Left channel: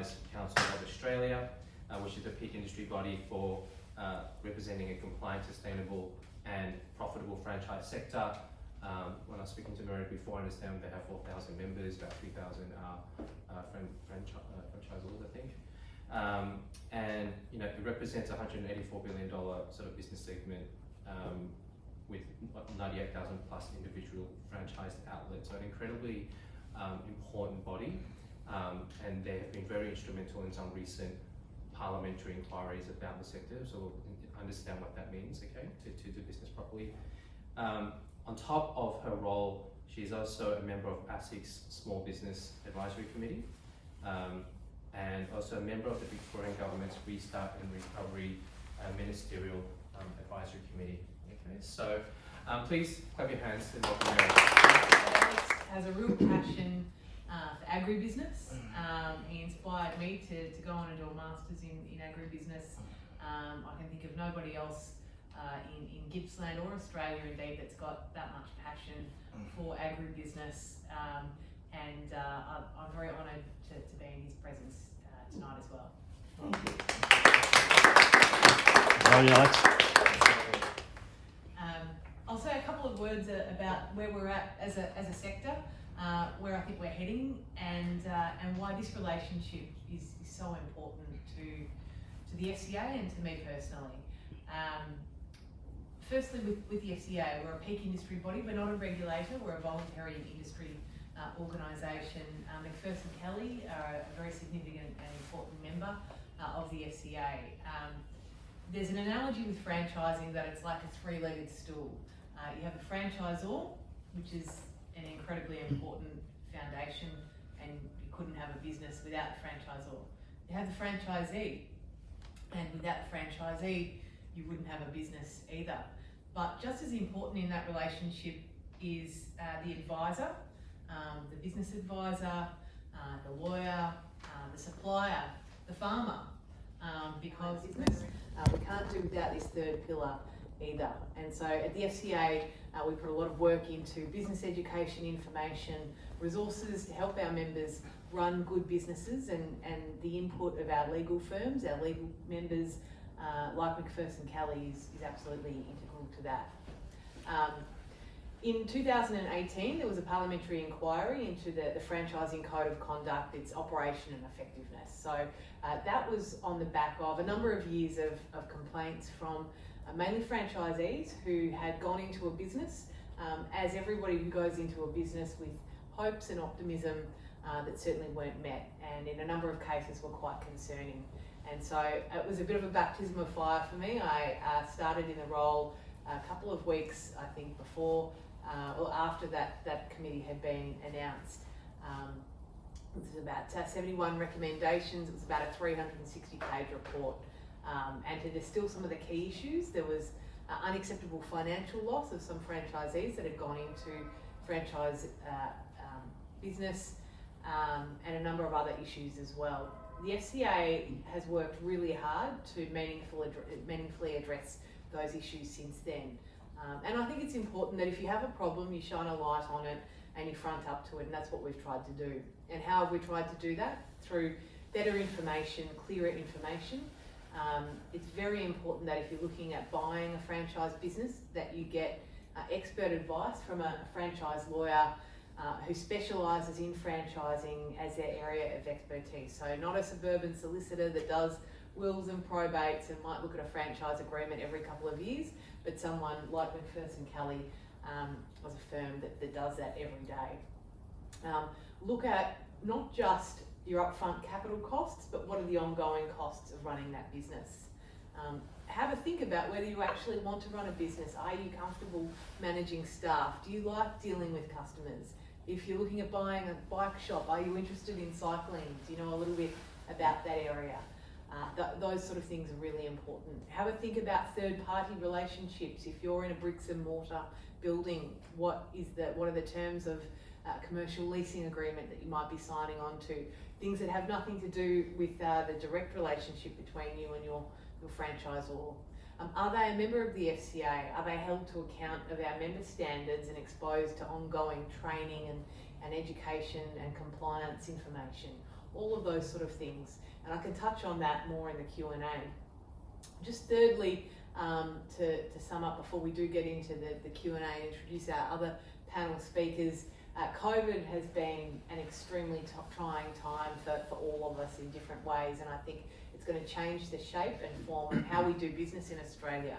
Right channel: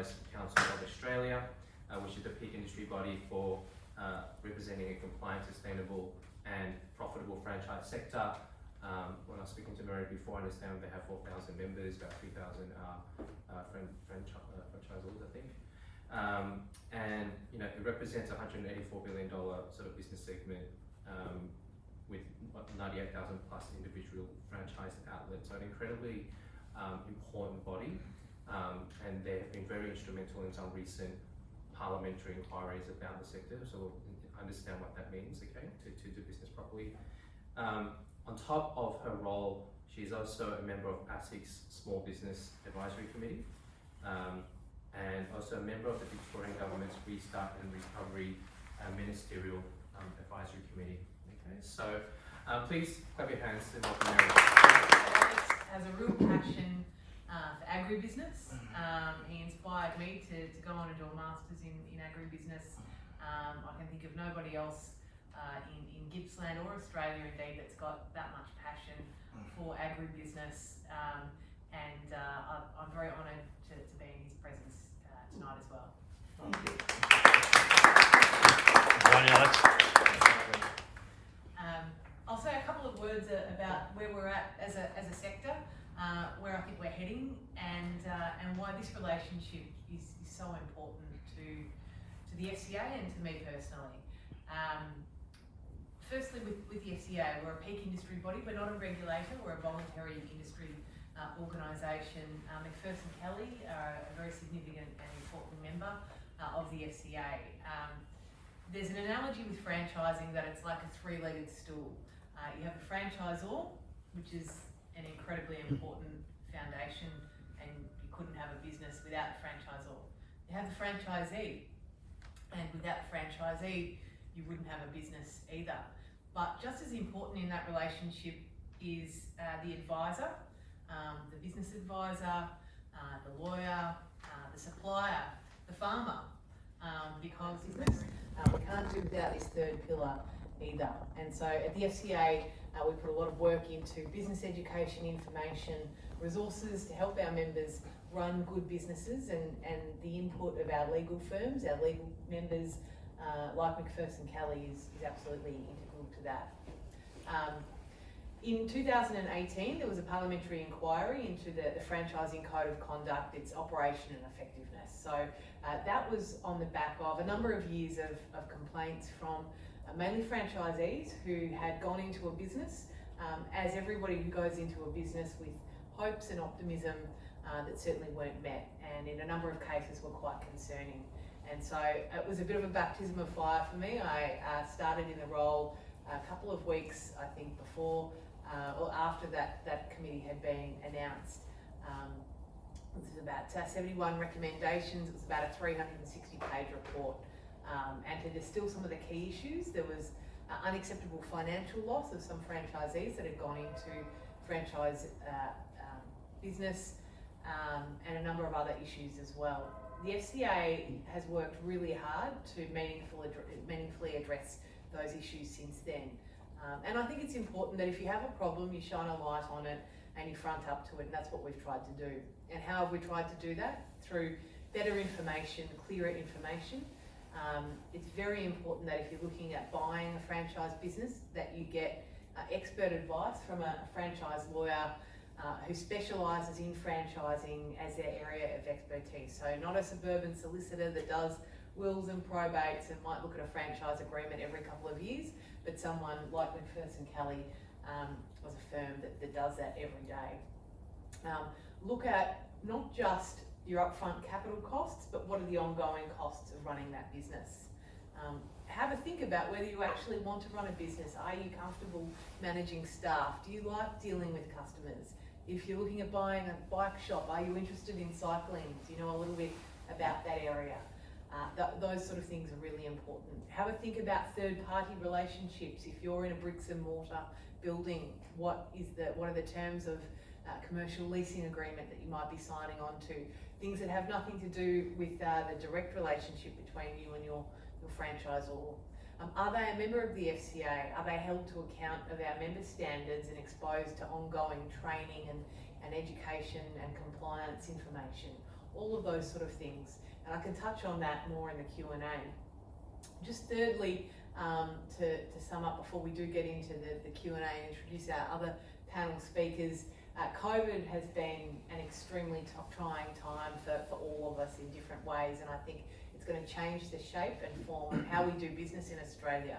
Franchise Council of Australia, which is the peak industry body for representing a compliant, sustainable and profitable franchise sector. When I was speaking to Mary before, I understand they have 4,000 members, about 3,000 franchisors, I think. And it represents a $184 billion sort of business segment with 98,000 plus individual franchised outlets. So an incredibly important body, and they have been very instrumental in some recent parliamentary inquiries about the sector. So we'll understand what that means, okay, to do business properly. On top of her role, she's also a member of ASIC's Small Business Advisory Committee, and also a member of the Victorian Government's Restart and Recovery Ministerial Advisory Committee. Okay, so please clap your hands and welcome Mary. Alex has a real passion for agribusiness. He inspired me to go on and do a master's in agribusiness. I can think of nobody else in Gippsland or Australia indeed that's got that much passion for agribusiness, and I'm very honoured to be in his presence tonight as well. Thank you. I'll say a couple of words about where we're at as a sector, where I think we're heading, and why this relationship is so important to the FCA and to me personally. Firstly, with the FCA, we're a peak industry body. We're not a regulator, we're a voluntary industry organisation. Macpherson Kelley are a very significant and important member of the FCA. There's an analogy with franchising that it's like a three-legged stool. You have the franchisor, which is an incredibly important foundation, and you couldn't have a business without the franchisor. You have the franchisee, and without the franchisee, you wouldn't have a business either. But just as important in that relationship is the advisor, the business advisor, the lawyer, the supplier, the farmer, because we can't do without this third pillar either. And so at the FCA, we put a lot of work into business education, information, resources to help our members run good businesses, and the input of our legal firms, our legal members, like Macpherson Kelley is absolutely integral to that. In 2018, there was a parliamentary inquiry into the Franchising Code of Conduct, its operation and effectiveness. So that was on the back of a number of years of complaints from mainly franchisees who had gone into a business, as everybody who goes into a business with hopes and optimism that certainly weren't met, and in a number of cases were quite concerning. And so it was a bit of a baptism of fire for me. I started in the role a couple of weeks, I think, before or after that committee had been announced. It was about 71 recommendations. It was about a 360-page report. And to distill some of the key issues, there was unacceptable financial loss of some franchisees that had gone into franchise business, and a number of other issues as well. The FCA has worked really hard to meaningfully address those issues since then. And I think it's important that if you have a problem, you shine a light on it and you front up to it, and that's what we've tried to do. And how have we tried to do that? Through better information, clearer information. It's very important that if you're looking at buying a franchise business, that you get expert advice from a franchise lawyer who specialises in franchising as their area of expertise. So not a suburban solicitor that does wills and probates and might look at a franchise agreement every couple of years, but someone like Macpherson Kelley was a firm that does that every day. Look at not just your upfront capital costs, but what are the ongoing costs of running that business. Have a think about whether you actually want to run a business. Are you comfortable managing staff? Do you like dealing with customers? If you're looking at buying a bike shop, are you interested in cycling? Do you know a little bit about that area? Those sort of things are really important. Have a think about third-party relationships. If you're in a bricks and mortar building, what are the terms of commercial leasing agreement that you might be signing on to? Things that have nothing to do with the direct relationship between you and your franchisor. Are they a member of the FCA? Are they held to account of our member standards and exposed to ongoing training and education and compliance information? all of those sort of things. And I can touch on that more in the Q&A. Just thirdly, to sum up before we do get into the Q&A and introduce our other panel speakers, COVID has been an extremely trying time for all of us in different ways, and I think it's going to change the shape and form of how we do business in Australia.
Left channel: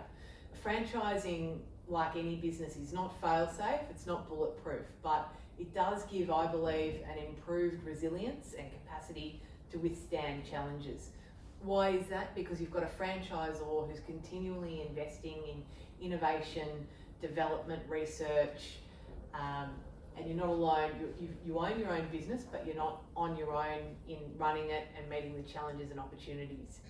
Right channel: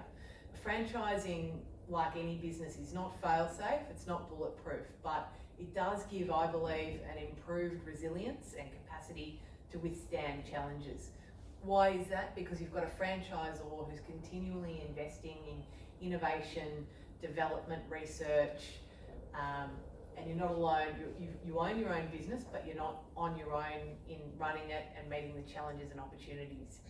Franchising, like any business, is not fail-safe, it's not bulletproof, but it does give, I believe, an improved resilience and capacity to withstand challenges. Why is that? Because you've got a franchisor who's continually investing in innovation, development, research, and you're not alone. You own your own business, but you're not on your own in running it and meeting the challenges and opportunities.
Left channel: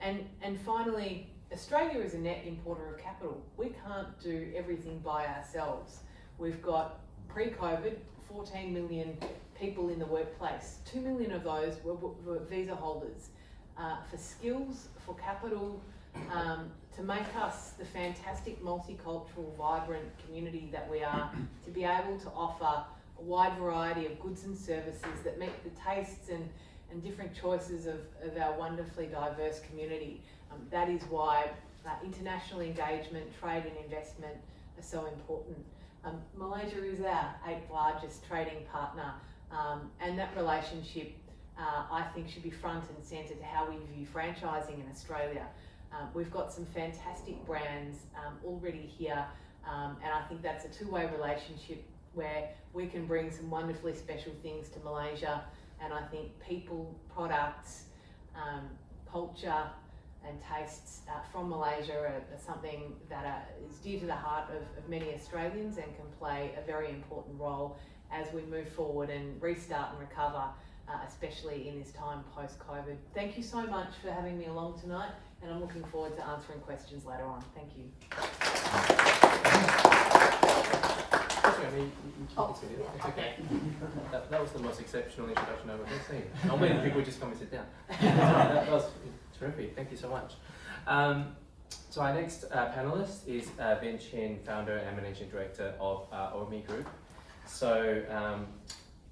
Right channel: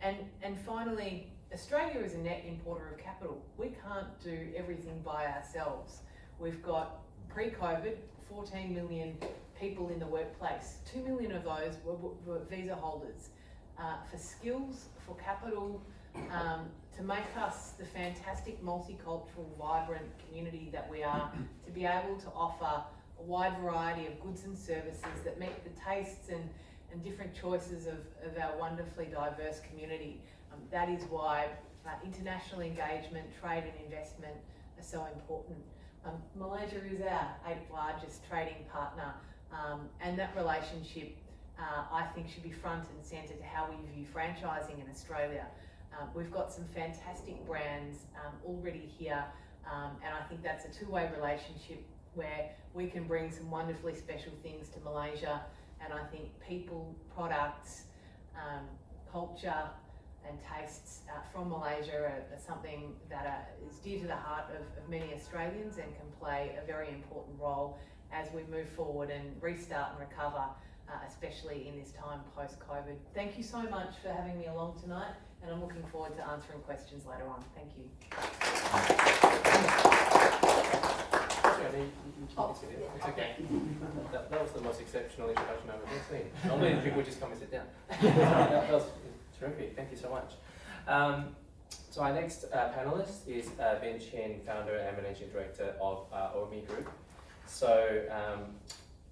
And finally, Australia is a net importer of capital. We can't do everything by ourselves. We've got, pre-COVID, 14 million people in the workplace. 2 million of those were visa holders. For skills, for capital, to make us the fantastic multicultural, vibrant community that we are, to be able to offer a wide variety of goods and services that meet the tastes and different choices of our wonderfully diverse community. That is why international engagement, trade and investment are so important. Malaysia is our 8th largest trading partner, and that relationship I think should be front and centre to how we view franchising in Australia. We've got some fantastic brands already here, and I think that's a two-way relationship where we can bring some wonderfully special things to Malaysia, and I think people, products, culture and tastes from Malaysia are something that is dear to the heart of many Australians and can play a very important role as we move forward and restart and recover, especially in this time post-COVID. Thank you so much for having me along tonight, and I'm looking forward to answering questions later on. Thank you. It's okay. That was the most exceptional introduction I've ever seen. Normally people just come and sit down. That was terrific. Thank you so much. So our next panelist is Ben Chin, founder and managing director of OMI Group. So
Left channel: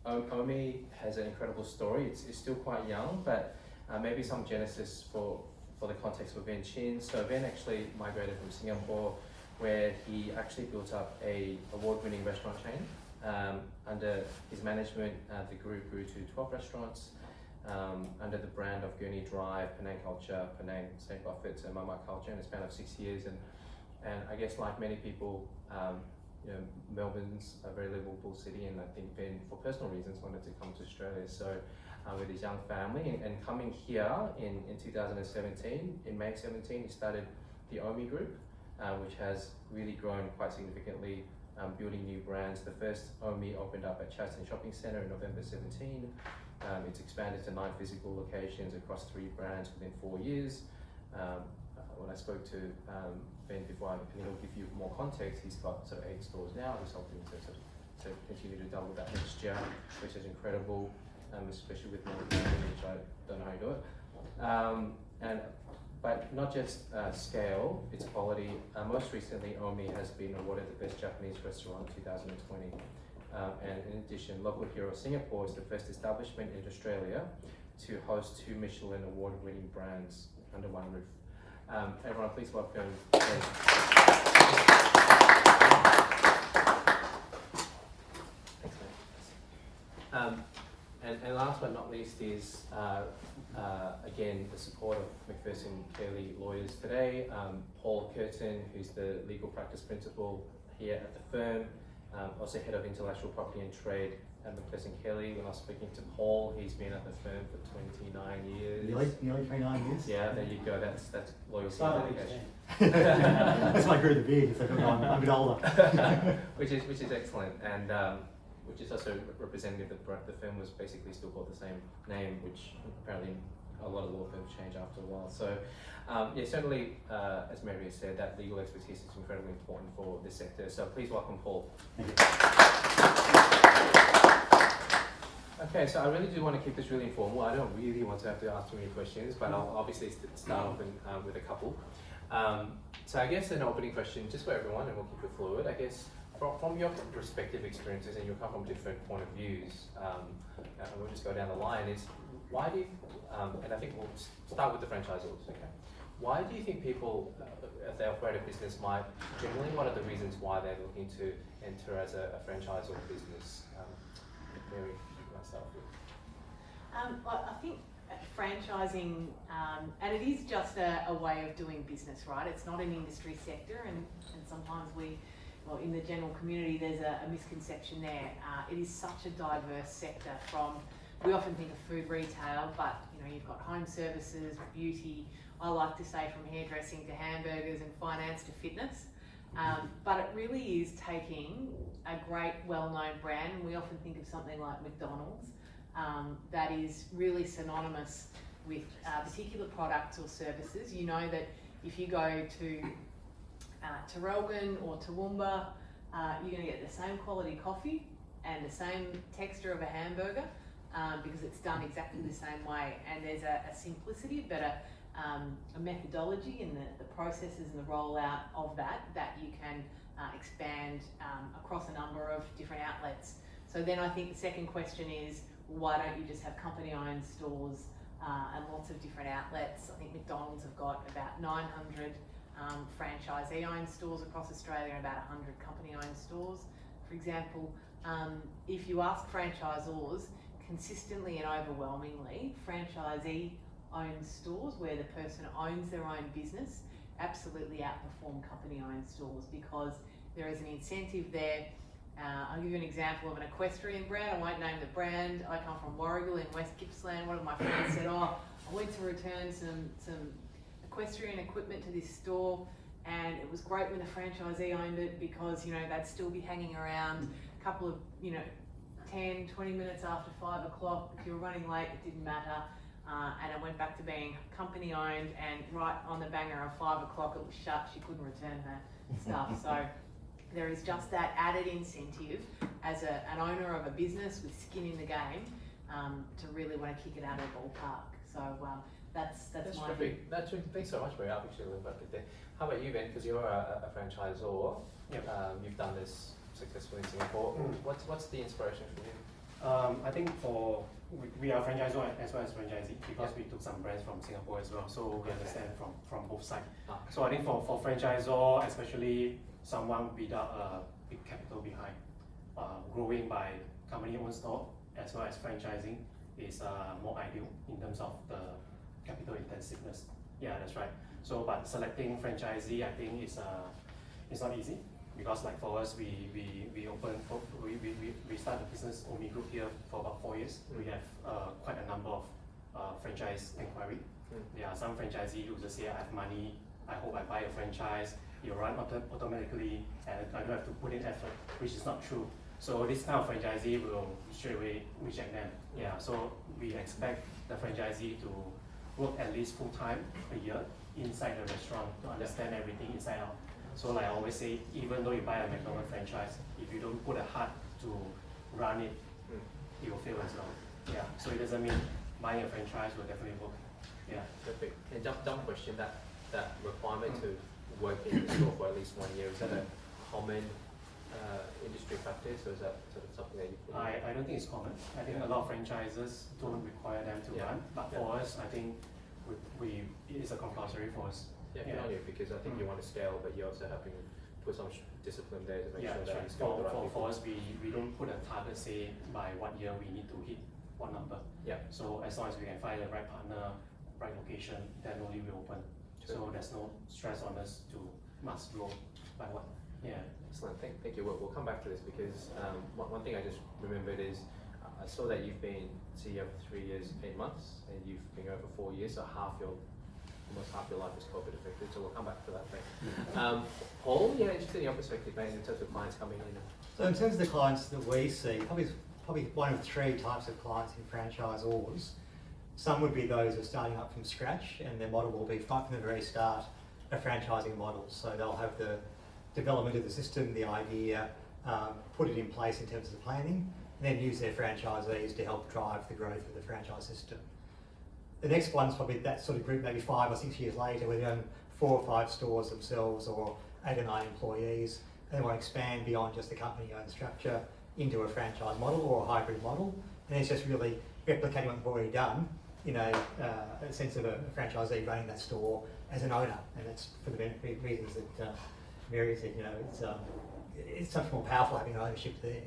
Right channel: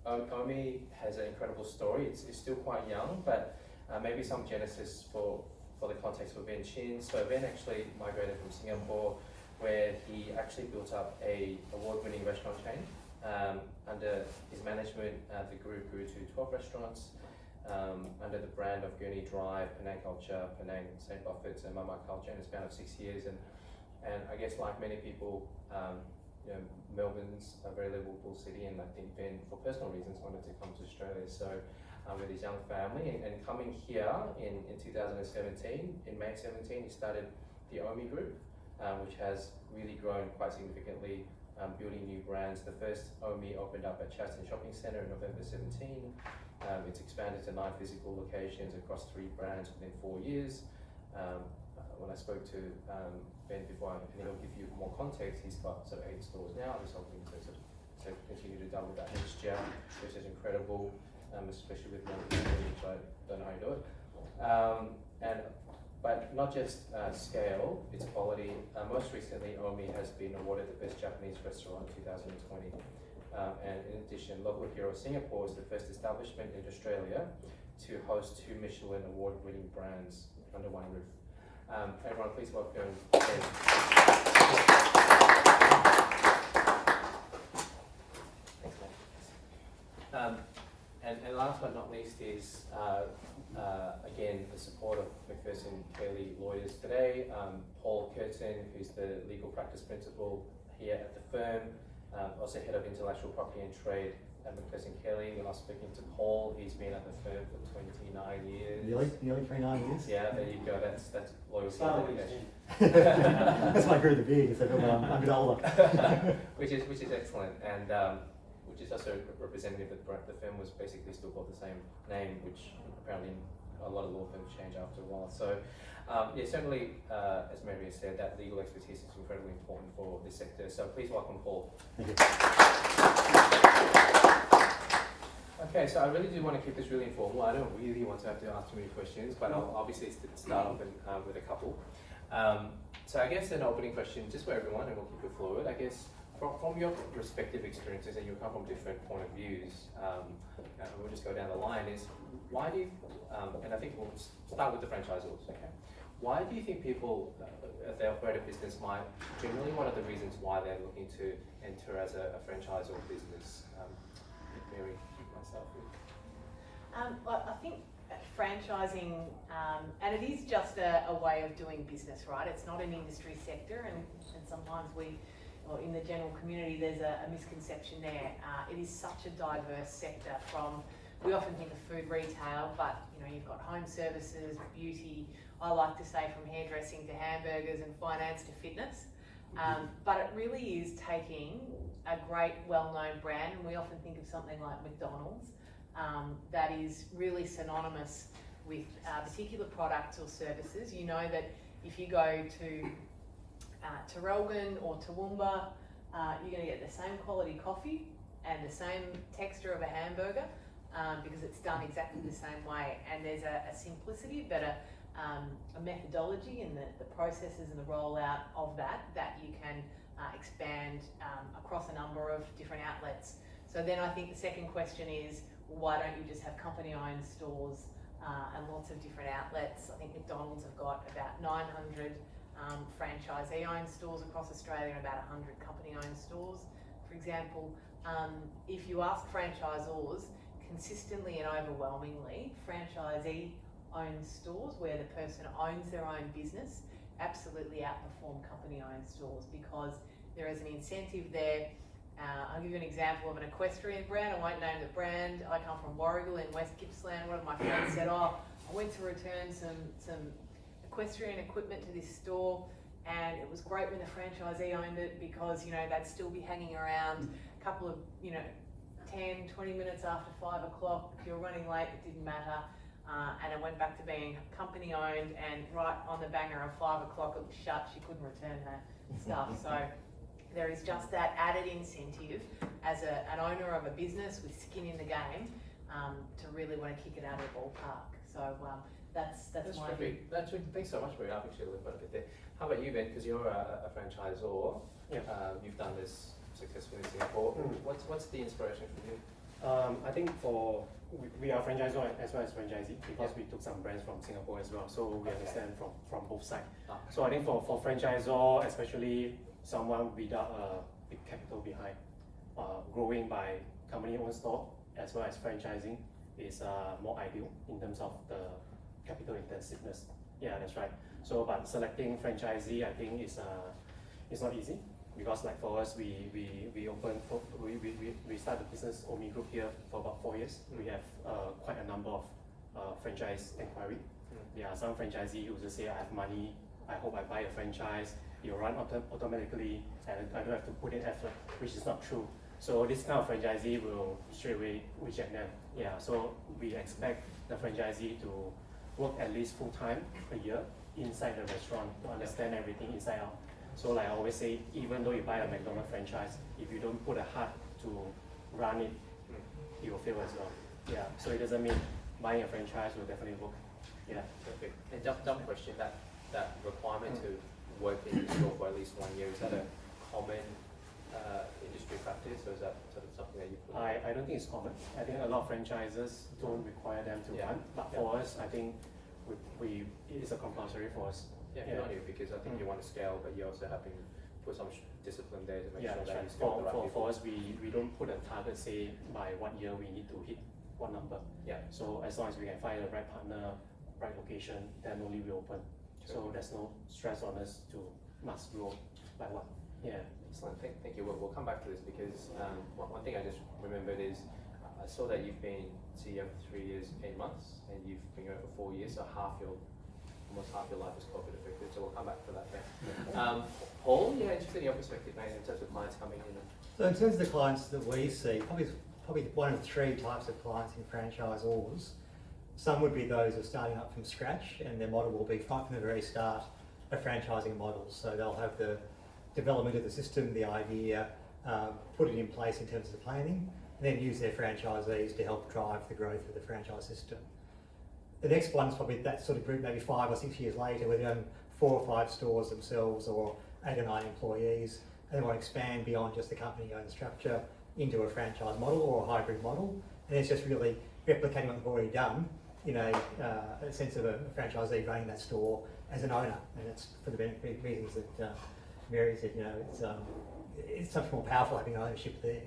OMI has an incredible story. It's still quite young, but maybe some genesis for the context for Ben Chin. So Ben actually migrated from Singapore, where he actually built up a award-winning restaurant chain. Under his management, the group grew to 12 restaurants under the brand of Gurney Drive, Penang Culture, Penang St. Buffet's, and Mama Culture in a span of 6 years. And I guess like many people, you know, Melbourne's a very livable city, and I think Ben, for personal reasons, wanted to come to Australia. So with his young family and coming here in 2017, in May 17, he started the OMI Group, which has really grown quite significantly, building new brands. The first OMI opened up at Chatston Shopping Centre in November 17. It's expanded to 9 physical locations across 3 brands within 4 years. When I spoke to Ben before, he'll give you more context. He's got sort of 8 stores now. He's hoping to continue to double that next year, which is incredible, especially with Melbourne, which I don't know how you do it. But not just scale, it's quality. Most recently, OMI has been awarded the Best Japanese Restaurant 2020. And in addition, Local Hero Singapore is the first establishment in Australia to host 2 Michelin award-winning brands under one roof. Everyone, please welcome Ben. Thanks, man. And last but not least is, again, the support of Macpherson Kelley lawyers today. Paul Curtin, who's the legal practice principal here at the firm, also head of intellectual property and trade at Macpherson Kelley. When I was speaking to Paul, he's been at the firm for 29 years. Nearly 29 years? Yeah, there you go. That's loyalty and dedication. That's why I grew the beard, if I'm a bit older. which is excellent, and which is also representative that the firm was basically still called the same name, which apparently a lot of law firms change after a while. So yeah, certainly, as Mary has said, that legal expertise is incredibly important for this sector. So please welcome Paul. Thank you. Okay, so I really do want to keep this really informal. I don't really want to have to ask too many questions, but I'll obviously start off with a couple. So I guess an opening question, just for everyone, and we'll keep it fluid. I guess, From your respective experiences, and you'll come from different point of views, and we'll just go down the line, is why do you, and I think we'll start with the franchisors, okay? Why do you think people, if they operate a business, generally what are the reasons why they're looking to enter as a franchisor business? Mary, myself. I think franchising, and it is just a way of doing business, right? It's not an industry sector, and sometimes in the general community, there's a misconception there. It is such a diverse sector. We often think of food retail, but you've got home services, beauty. I like to say from hairdressing to hamburgers and finance to fitness. But it really is taking a great, well-known brand, and we often think of something like McDonald's, that is really synonymous with particular products or services. You know that if you go to Terrelgan or Toowoomba, you're going to get the same quality coffee and the same texture of a hamburger, because it's done exactly the same way. And there's a simplicity, but a methodology in the processes and the rollout of that you can expand across a number of different outlets. So then I think the second question is, why don't you just have company-owned stores and lots of different outlets? I think McDonald's have got about 900 franchisee-owned stores across Australia and about 100 company-owned stores. For example, if you ask franchisors, consistently and overwhelmingly, franchisee-owned stores where the person owns their own business absolutely outperform company-owned stores, because there is an incentive there. I'll give you an example of an equestrian brand. I won't name the brand. I come from Warragul in West Gippsland. One of my friends said, I went to return some equestrian equipment to this store, and it was great when the franchisee owned it, because they'd still be hanging around a couple of 10, 20 minutes after 5 o'clock. If you were running late, it didn't matter. And it went back to being company owned, and right on the banger of 5 o'clock it was shut. She couldn't return her stuff. So there is just that added incentive as an owner of a business with skin in the game, to really want to kick it out of the ballpark. So that's my view. Thanks so much, Mary. I've actually learned quite a bit there. How about you, Ben? Because you're a franchisor. Yep. You've done this successfully in Singapore. What's the inspiration for you? I think we are franchisor as well as franchisee, because we took some brands from Singapore as well, so we understand from both sides. So I think for franchisor, especially someone without a big capital behind, growing by company-owned store as well as franchising is more ideal in terms of the capital intensiveness. Yeah, that's right. So, but selecting franchisee, I think is not easy, because like for us, we start the business OMI Group here for about 4 years. We have quite a number of franchise inquiry. There are some franchisee who just say, I have money, I hope I buy a franchise, you run automatically, and I don't have to put in effort, which is not true. So this kind of franchisee will straight away reject them. Yeah, so we expect the franchisee to work at least full time a year inside the restaurant to understand everything inside out. So like I always say, even though you buy a McDonald's franchise, if you don't put a heart to run it, it will fail as well. Yeah, so it doesn't mean buying a franchise will definitely work. Yeah. Perfect. And dumb question, that requirement to work in the store for at least 1 year, is that a common industry practice, or is that sort of something that you put in? I don't think it's common. I think a lot of franchises don't require them to run, but for us, I think it is a compulsory for us. Yeah, good on you, because I think you want to scale, but you also have to put some discipline there to make sure that you scale the right people. For us, we don't put a target, say by what year we need to hit what number. Yeah. So as long as we can find the right partner, right location, then only we open. Sure. So there's no stress on us to must grow by what. Yeah. Excellent. Thank you. We'll come back to this, because one thing I just remembered is I saw that you've been CEO for 3 years, 8 months, and you've been going for 4 years, so almost half your life is COVID affected, so we'll come back to that thing. Paul, interested in your perspective, mate, in terms of clients coming in. So in terms of the clients that we see, probably one of 3 types of clients in franchisors. Some would be those who are starting up from scratch, and their model will be right from the very start a franchising model. So they'll have the development of the system, the idea, put it in place in terms of the planning, and then use their franchisees to help drive the growth of the franchise system. The next one's probably that sort of group, maybe 5 or 6 years later, where they own 4 or 5 stores themselves, or 8 or 9 employees, and they want to expand beyond just the company-owned structure into a franchise model or a hybrid model. And it's just really replicating what they've already done in a sense of a franchisee running that store as an owner, and that's for the reasons that Mary said. It's much more powerful having ownership there.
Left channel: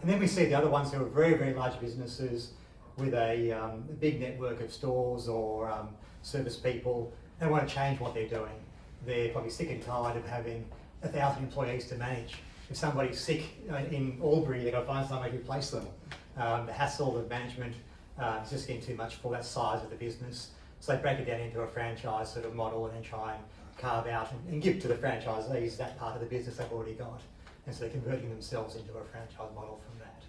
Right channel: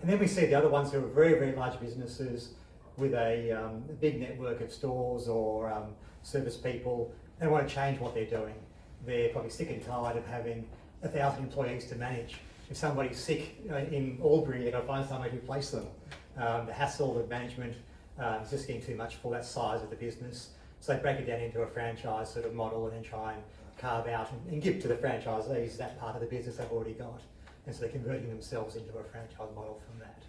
And then we see the other ones who are very, very large businesses with a big network of stores or service people, and want to change what they're doing. They're probably sick and tired of having 1,000 employees to manage. If somebody's sick in Albury, they've got to find somebody to replace them. The hassle of management is just getting too much for that size of the business. So they break it down into a franchise sort of model and then try and carve out and give to the franchisees that part of the business they've already got. And so they're converting themselves into a franchise model from that.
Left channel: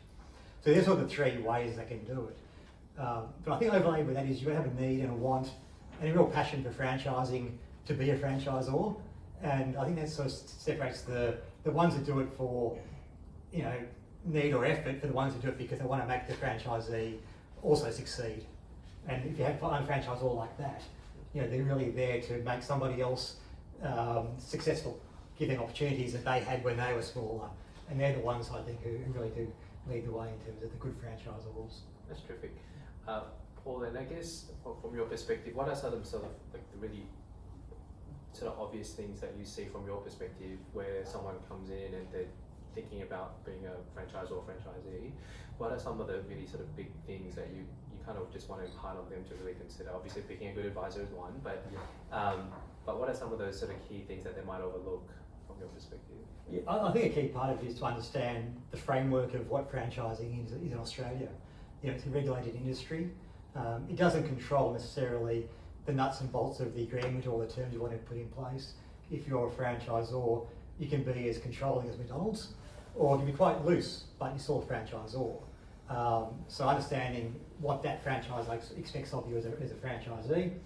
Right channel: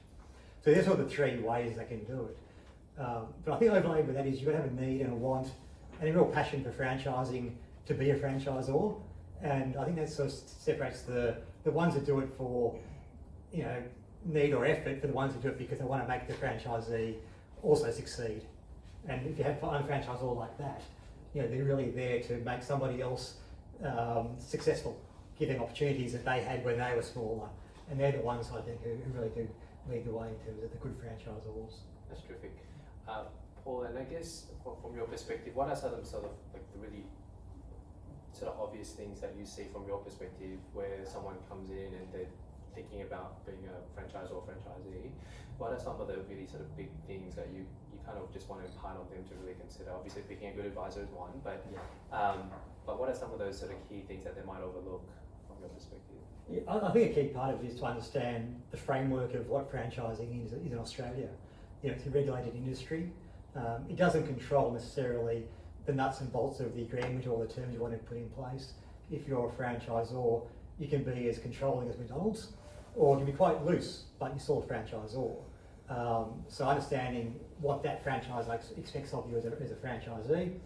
So there's sort of the three ways they can do it. But I think overlaid with that is you've got to have a need and a want and a real passion for franchising to be a franchisor. And I think that sort of separates the ones that do it for, need or effort for the ones that do it because they want to make the franchisee also succeed. And if you have an unfranchisor like that, they're really there to make somebody else successful, give them opportunities that they had when they were smaller. And they're the ones I think who really do lead the way in terms of the good franchisors. That's terrific. Paul, and I guess from your perspective, what are some of sort of like the really sort of obvious things that you see from your perspective where someone comes in and they're thinking about being a franchisor or franchisee? What are some of the really sort of big things that you kind of just want to impart on them to really consider? Obviously, picking a good advisor is one, but what are some of those sort of key things that they might overlook from your perspective? Yeah, I think a key part of it is to understand the framework of what franchising is in Australia. It's a regulated industry. It doesn't control necessarily the nuts and bolts of the agreement or the terms you want to put in place. If you're a franchisor, you can be as controlling as McDonald's, or you can be quite loose, but you're still a franchisor. So understanding what that franchise expects of you as a franchisee,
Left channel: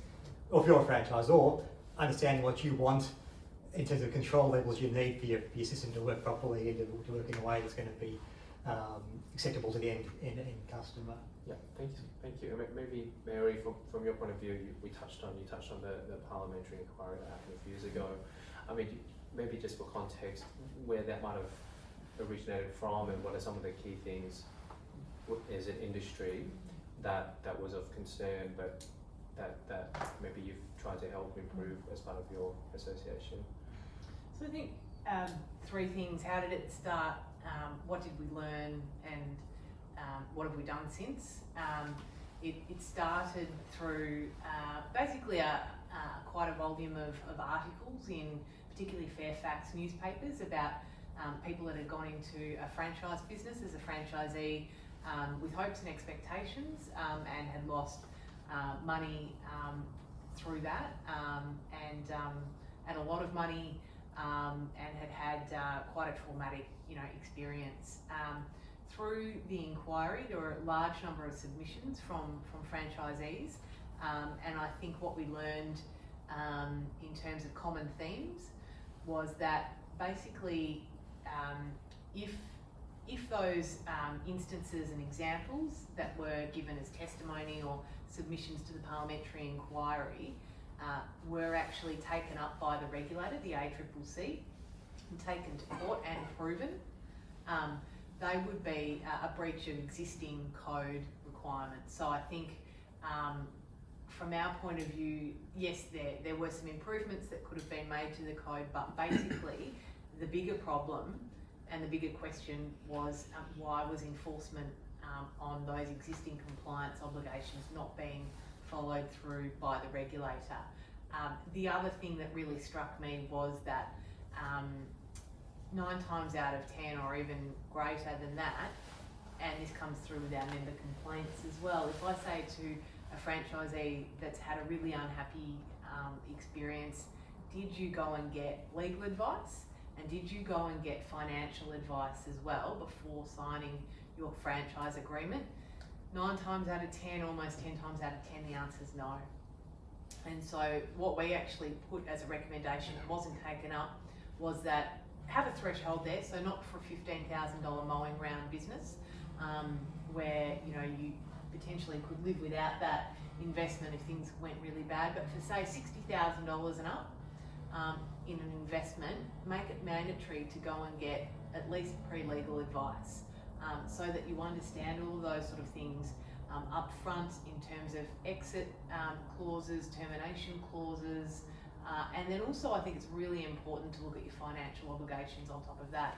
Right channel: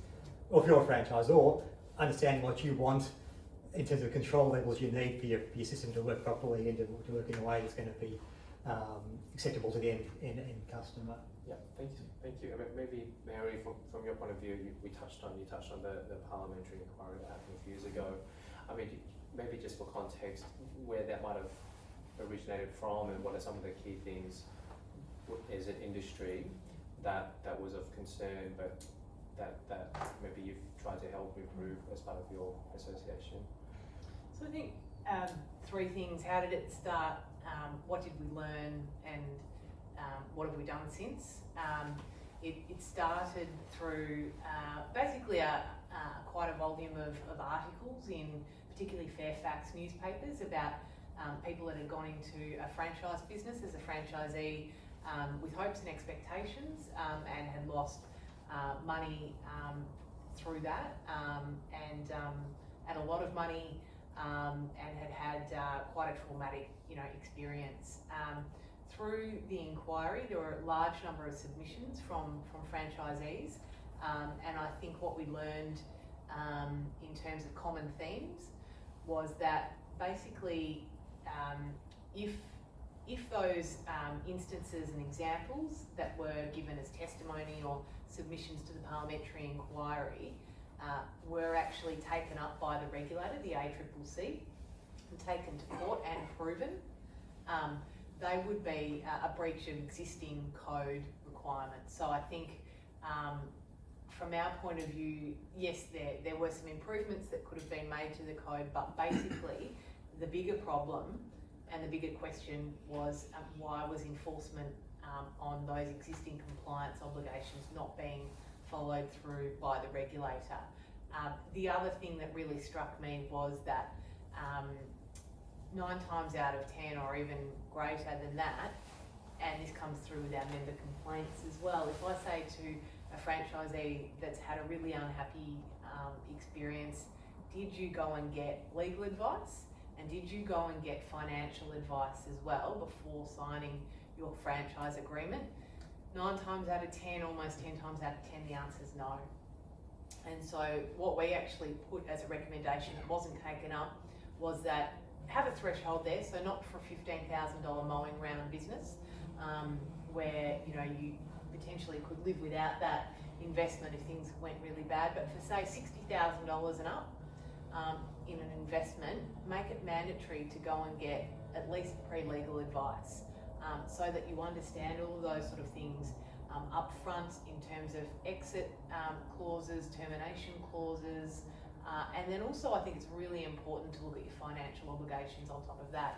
or if you're a franchisor, understanding what you want in terms of control levels you need for your system to work properly and to work in a way that's going to be acceptable to the end customer. Yeah, thank you. And maybe Mary, from your point of view, you touched on the parliamentary inquiry that happened a few years ago. I mean, maybe just for context, where that might have originated from, and what are some of the key things as an industry that was of concern, but that maybe you've tried to help improve as part of your association? So I think three things. How did it start? What did we learn? And what have we done since? It started through basically quite a volume of articles in particularly Fairfax newspapers about people that had gone into a franchise business as a franchisee with hopes and expectations and had lost money through that and a lot of money and had quite a traumatic experience. Through the inquiry, there were a large number of submissions from franchisees, and I think what we learned in terms of common themes was that basically if those instances and examples that were given as testimony or submissions to the parliamentary inquiry were actually taken up by the regulator, the ACCC, and taken to court and proven, they would be a breach of existing code requirements. So I think from our point of view, yes, there were some improvements that could have been made to the code, but basically the bigger problem and the bigger question was why was enforcement on those existing compliance obligations not being followed through by the regulator. The other thing that really struck me was that 9 times out of 10 or even greater than that, and this comes through with our member complaints as well, if I say to a franchisee that's had a really unhappy experience, did you go and get legal advice? And did you go and get financial advice as well before signing your franchise agreement? 9 times out of 10, almost 10 times out of 10, the answer is no. And so what we actually put as a recommendation that wasn't taken up was that have a threshold there, so not for a $15,000 mowing round business, where you potentially could live without that investment if things went really bad, but for say $60,000 and up, in an investment, make it mandatory to go and get at least pre-legal advice, so that you understand all those sort of things up front in terms of exit clauses, termination clauses, and then also I think it's really important to look at your financial obligations on top of that.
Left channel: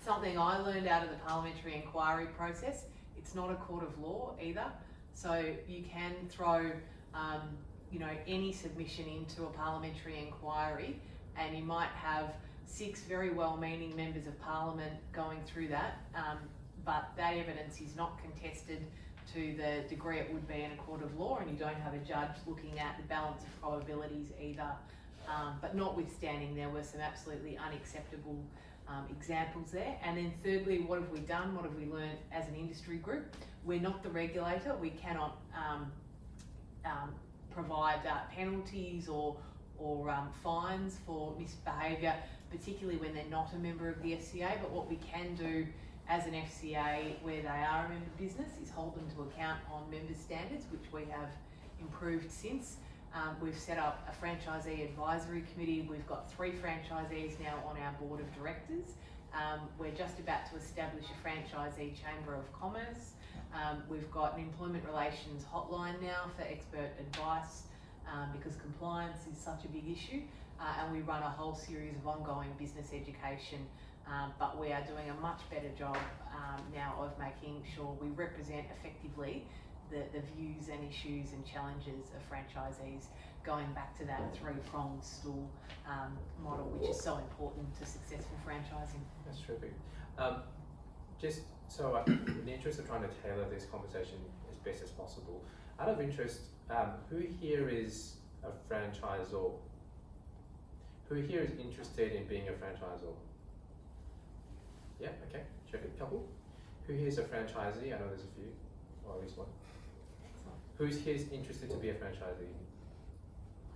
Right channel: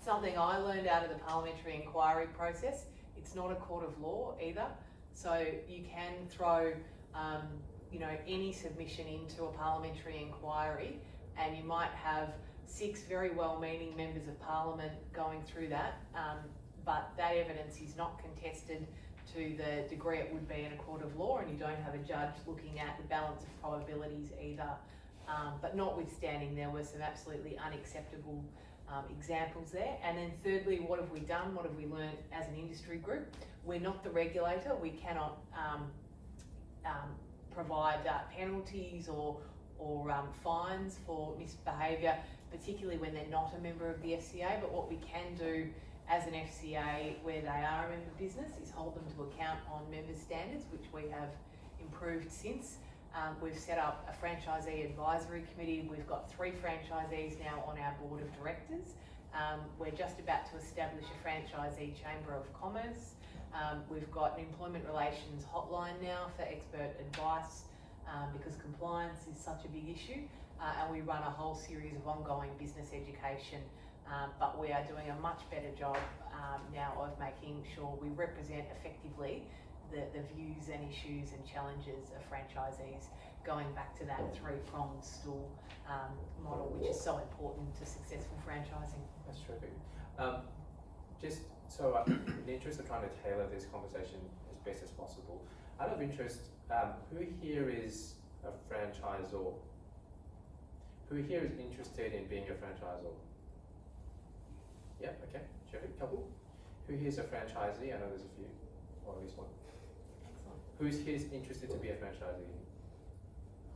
Something I learned out of the parliamentary inquiry process, it's not a court of law either, so you can throw any submission into a parliamentary inquiry, and you might have 6 very well-meaning members of parliament going through that, but that evidence is not contested to the degree it would be in a court of law, and you don't have a judge looking at the balance of probabilities either. But notwithstanding, there were some absolutely unacceptable examples there. And then thirdly, what have we done? What have we learned as an industry group? We're not the regulator. We cannot provide penalties or fines for misbehaviour, particularly when they're not a member of the FCA. But what we can do as an FCA where they are a member business is hold them to account on member standards, which we have improved since. We've set up a franchisee advisory committee. We've got 3 franchisees now on our board of directors. We're just about to establish a franchisee chamber of commerce. We've got an employment relations hotline now for expert advice, because compliance is such a big issue, and we run a whole series of ongoing business education, but we are doing a much better job now of making sure we represent effectively the views and issues and challenges of franchisees, going back to that 3-pronged stool model, which is so important to successful franchising. That's terrific. Just so in the interest of trying to tailor this conversation as best as possible, out of interest, who here is a franchisor? Who here is interested in being a franchisor? Yeah, okay, terrific. Couple. Who here is a franchisee? I know there's a few, or at least one. Who's here is interested to be a franchisee?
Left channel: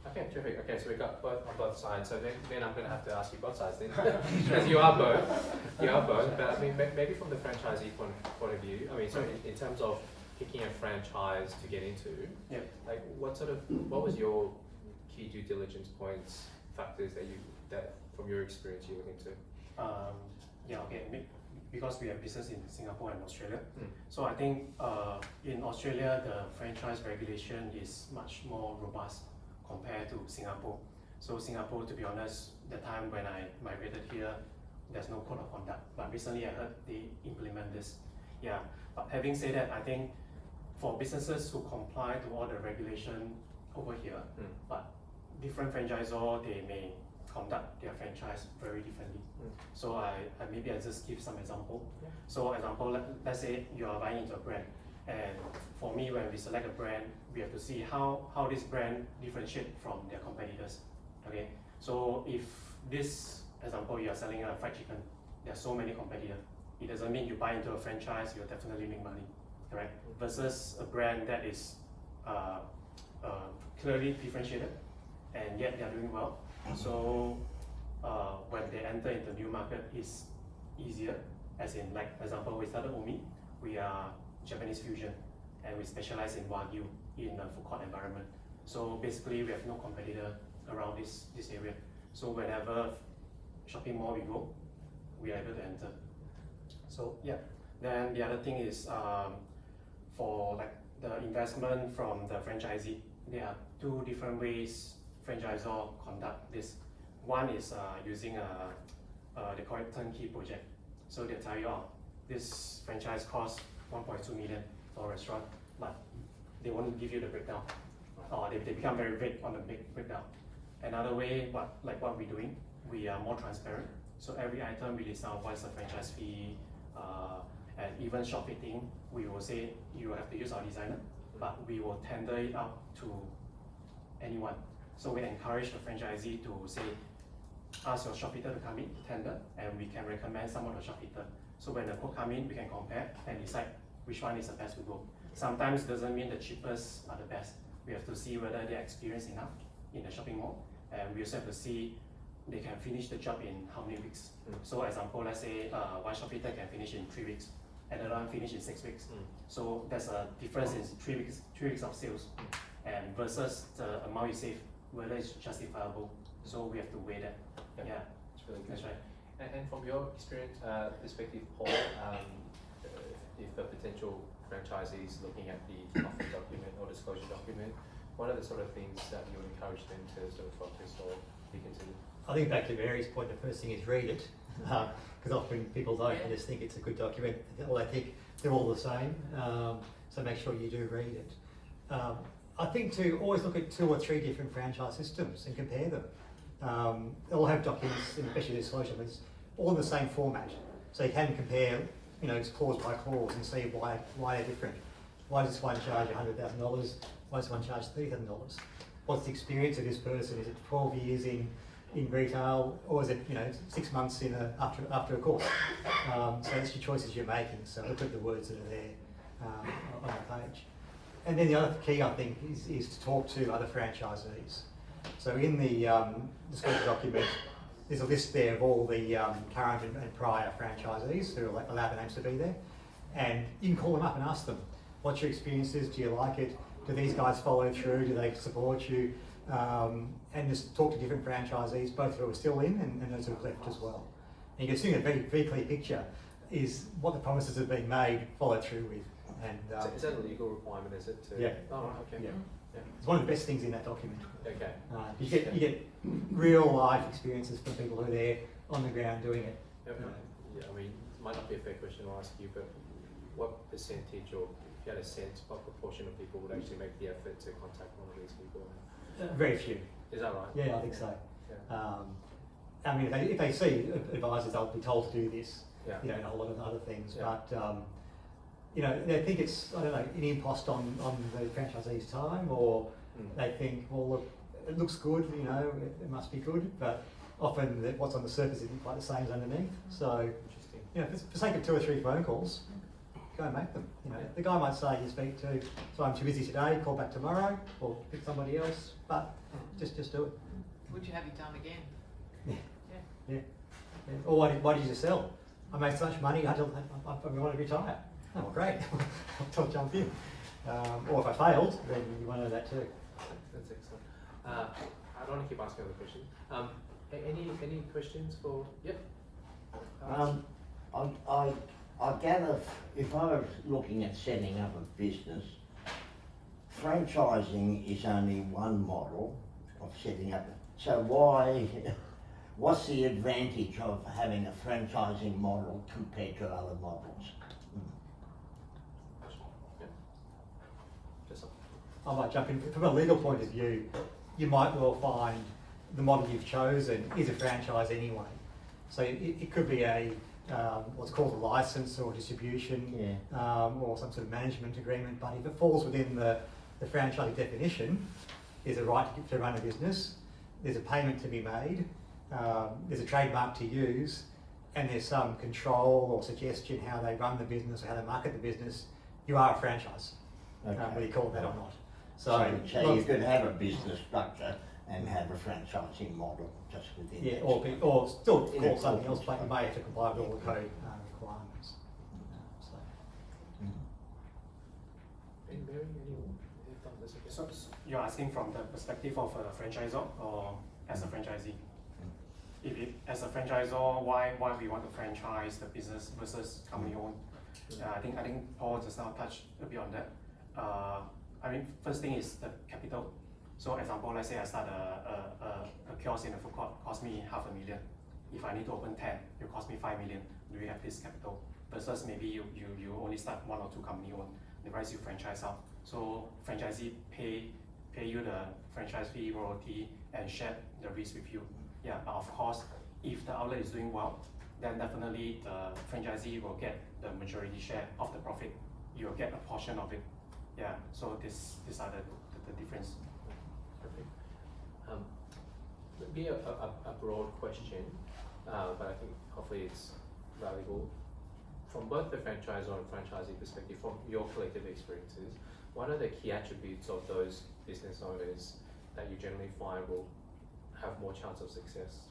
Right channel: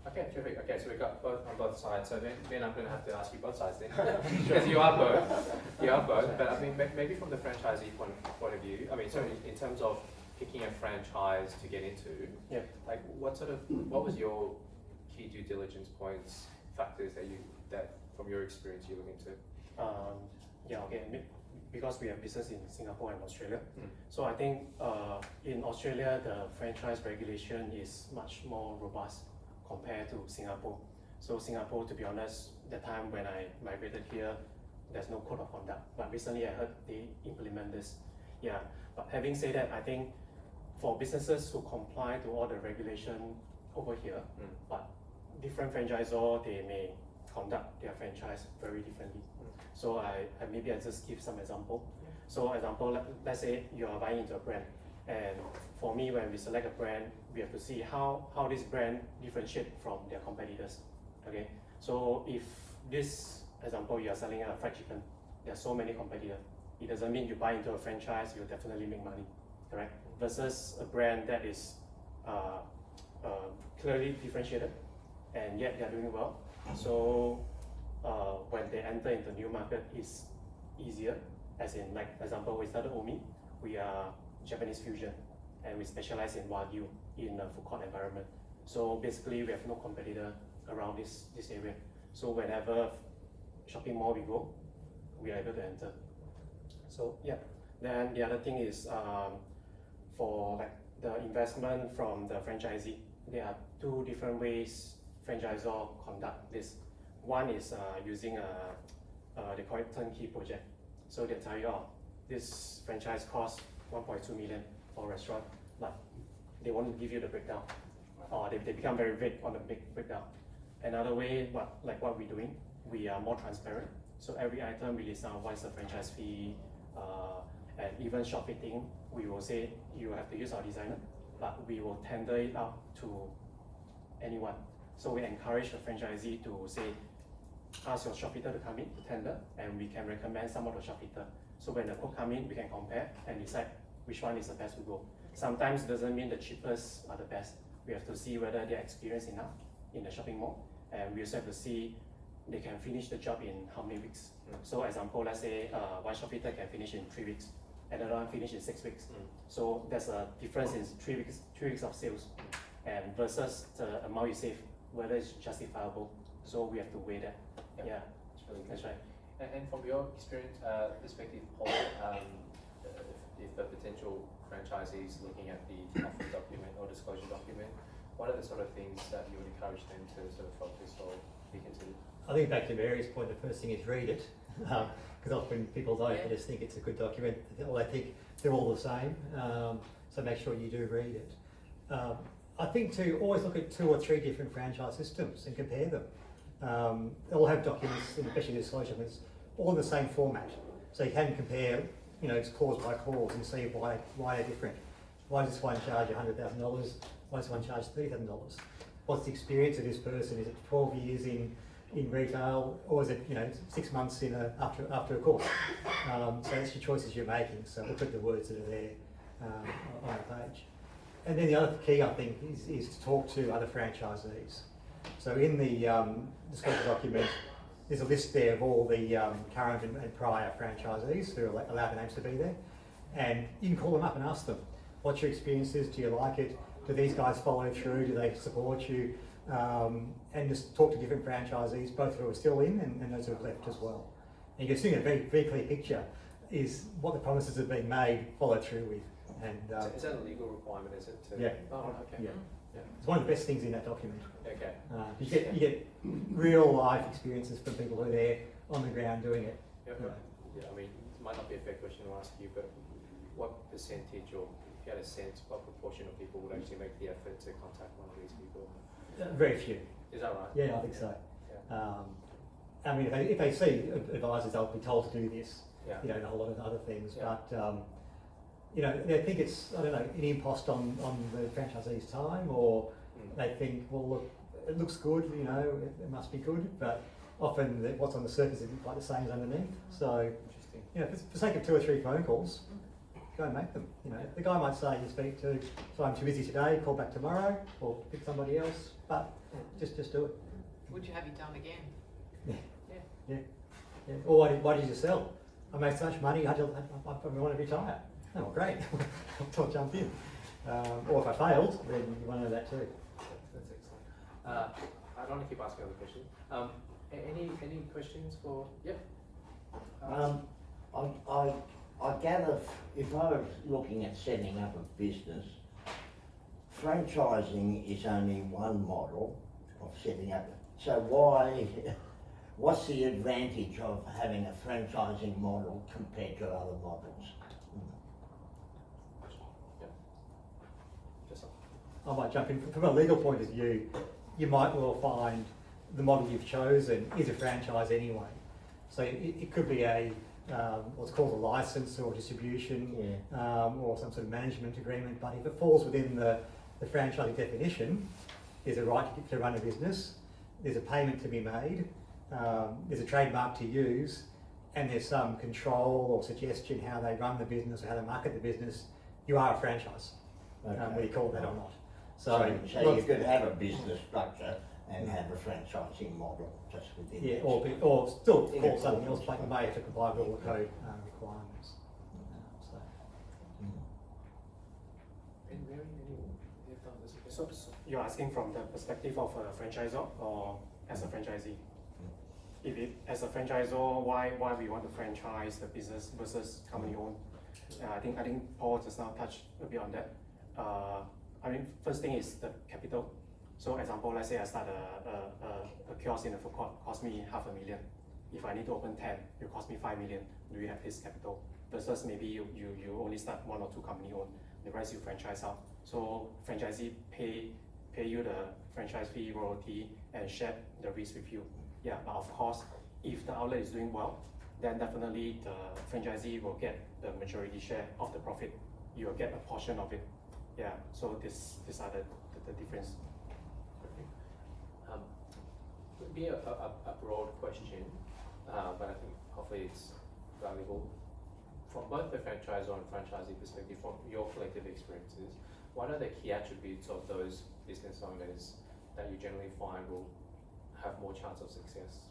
Okay, terrific. Okay, so we've got both on both sides. So then I'm going to have to ask you both sides then, because you are both. You are both. But I mean, maybe from the franchisee point of view. I mean, so in terms of picking a franchise to get into, yeah, like what was your key due diligence points, factors that from your experience you look into? Yeah, okay. Because we have business in Singapore and Australia, so I think in Australia the franchise regulation is much more robust compared to Singapore. So Singapore, to be honest, the time when I migrated here, there's no code of conduct. But recently I heard they implement this. Yeah. But having said that, I think for businesses who comply to all the regulation over here, but different franchisor, they may conduct their franchise very differently. So I maybe I just give some example. So example, let's say you are buying into a brand, and for me, when we select a brand, we have to see how this brand differentiate from their competitors. Okay, so if this example you are selling a fried chicken, there are so many competitors. It doesn't mean you buy into a franchise, you'll definitely make money, correct? Versus a brand that is clearly differentiated, and yet they are doing well. So when they enter into new market, it's easier. As in, like example, we started Omi. We are Japanese fusion, and we specialize in Wagyu in a food court environment. So basically, we have no competitor around this area. So whenever shopping mall we go, we are able to enter. So yeah. Then the other thing is for like the investment from the franchisee. There are 2 different ways franchisor conduct this. One is using they call it turnkey project. So they tell you, oh, this franchise costs 1.2 million for a restaurant, but they want to give you the breakdown. Or they become very vague on the big breakdown. Another way, what we're doing, we are more transparent. So every item we list out what's the franchise fee, and even shop fitting, we will say you have to use our designer, but we will tender it out to anyone. So we encourage the franchisee to say, ask your shop fitter to come in to tender, and we can recommend some of the shop fitter. So when the quote come in, we can compare and decide which one is the best to go. Sometimes doesn't mean the cheapest are the best. We have to see whether they're experienced enough in the shopping mall, and we also have to see they can finish the job in how many weeks. So example, let's say one shop fitter can finish in 3 weeks, another one finish in 6 weeks. So there's a difference in 3 weeks of sales, and versus the amount you save whether it's justifiable. So we have to weigh that. Yep. Yeah, It's really good. that's right. And from your experience, perspective, Paul, if a potential franchisee is looking at the offer document or disclosure document, what are the sort of things that you would encourage them to sort of focus or be considered? I think back to Mary's point, the first thing is read it, because often people don't, they just think it's a good document, or they think they're all the same, so make sure you do read it. I think to always look at 2 or 3 different franchise systems and compare them. They all have documents, especially disclosure, but it's all in the same format, so you can compare, you know, it's clause by clause and see why they're different. Why does this one charge $100,000? Why does one charge $30,000? What's the experience of this person? Is it 12 years in retail, or is it, you know, 6 months after a course? So it's your choices you're making. So look at the words that are there on the page. And then the other key, I think, is to talk to other franchisees. So in the disclosure document, there's a list there of all the current and prior franchisees who are allowed their names to be there, and you can call them up and ask them, what's your experiences? Do you like it? Do these guys follow through? Do they support you? And just talk to different franchisees, both who are still in and those who have left as well. And you can see a very, very clear picture is what the promises have been made, followed through with. And is that a legal requirement, is it? To... Yeah. Oh, okay. Yeah. Yeah. It's one of the best things in that document. Okay. You get real life experiences from people who are there on the ground doing it. Yeah, yeah, I mean, it might not be a fair question to ask you, but what percentage, or if you had a sense, what proportion of people would actually make the effort to contact one of these people? Very few. Is that right? Yeah, I think so. Yeah. I mean, if they see advisors, they'll be told to do this. Yeah. You know, and a whole lot of other things, Yeah. but you know, they think it's, I don't know, an impost on the franchisee's time, or they think, well, look, it looks good, you know, it must be good, but often what's on the surface isn't quite the same as underneath. So, Interesting. you know, for the sake of 2 or 3 phone calls, go and make them. You know, the guy might say you speak to, so I'm too busy today, call back tomorrow, or pick somebody else, but just do it. Would you have it done again? Yeah. Or why did you sell? I made so much money, I want to retire. Oh, great. I'll jump in. Or if I failed, then you want to know that too. That's excellent. I don't want to keep asking other questions. Any questions for? Yep. I gather if I was looking at setting up a business, franchising is only one model of setting up. So what's the advantage of having a franchising model compared to other models? I might jump in. From a legal point of view, you might well find the model you've chosen is a franchise anyway. So it could be a what's called a license or distribution, or some sort of management agreement. But if it falls within the franchise definition, there's a right to run a business, there's a payment to be made, there's a trademark to use, and there's some control or suggestion how they run the business or how they market the business, you are a franchise, whether you call it that or not. So you could have a business structure and have a franchising model just within yeah, that. or still call something else, but you may have to comply with all the code requirements. And Mary, So you're asking from the perspective of a franchisor or as a franchisee? If it, as a franchisor, why we want to franchise the business versus company owned? I think Paul just now touched a bit on that. I mean, first thing is the capital. So example, let's say I start a kiosk in a food court, cost me $500,000. If I need to open 10, it will cost me $5 million. Do you have this capital? Versus maybe you only start 1 or 2 company owned, the rest you franchise out. So franchisee pay you the franchise fee, royalty, and share the risk with you. Yeah, but of course, if the outlet is doing well, then definitely the franchisee will get the majority share of the profit. You will get a portion of it. Yeah, so these are the difference. Perfect. Would be a broad question, but I think hopefully it's valuable. From both the franchisor and franchisee perspective, from your collective experiences, what are the key attributes of those business owners that you generally find will have more chance of success?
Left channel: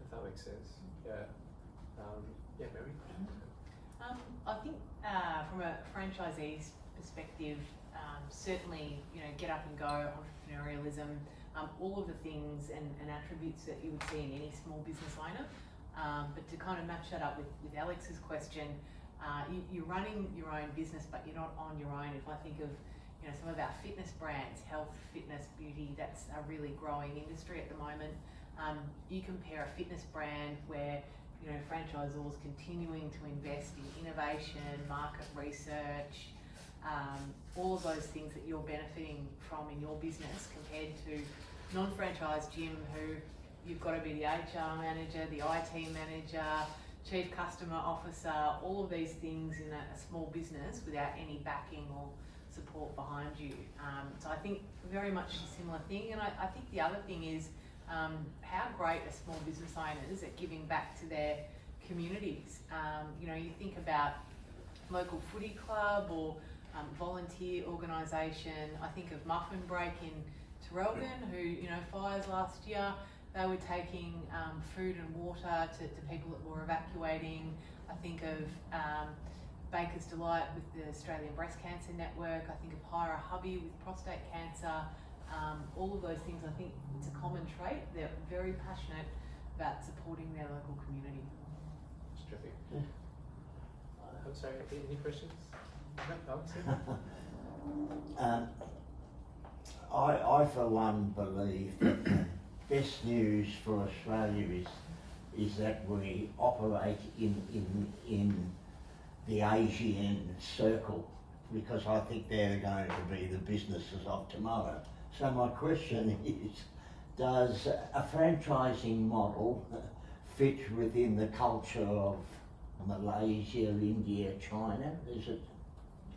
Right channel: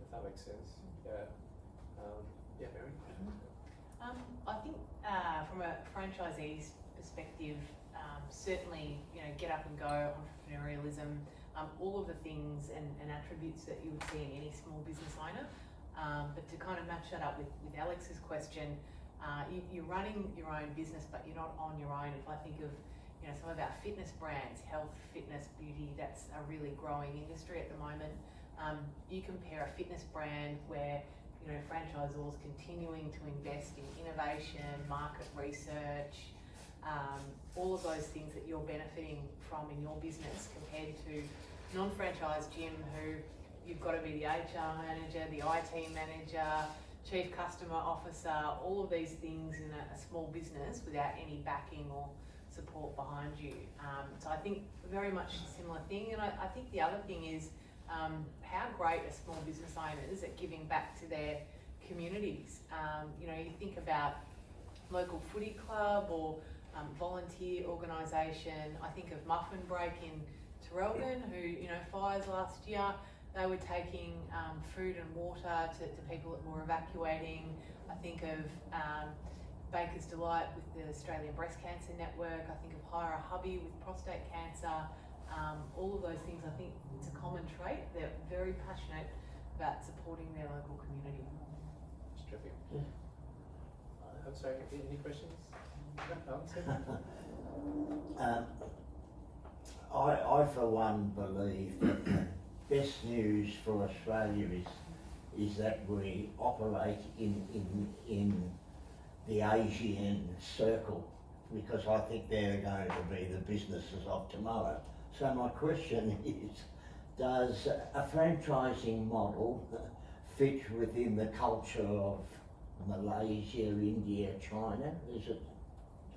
If that makes sense. Yeah. Yeah, Mary? I think from a franchisee's perspective, certainly, get up and go, entrepreneurialism, all of the things and attributes that you would see in any small business owner. But to kind of match that up with Alex's question, you're running your own business, but you're not on your own. If I think of some of our fitness brands, health, fitness, beauty, that's a really growing industry at the moment. You compare a fitness brand where franchisors continuing to invest in innovation, market research, all of those things that you're benefiting from in your business, compared to non-franchise gym who you've got to be the HR manager, the IT manager, chief customer officer, all of these things in a small business without any backing or support behind you. So I think very much a similar thing. And I think the other thing is how great are small business owners at giving back to their communities. You think about local footy club or volunteer organisation. I think of Muffin Break in Terrelgan, who, fires last year, they were taking food and water to people that were evacuating. I think of Baker's Delight with the Australian Breast Cancer Network. I think of Hire a Hubby with prostate cancer. All of those things, I think it's a common trait. They're very passionate about supporting their local community. That's terrific. I'm sorry, any questions? No, I for one believe that the best news for Australia is that we operate in the Asian circle, because I think they're going to be the businesses of tomorrow. So my question is, does a franchising model fit within the culture of Malaysia, India, China? Is it?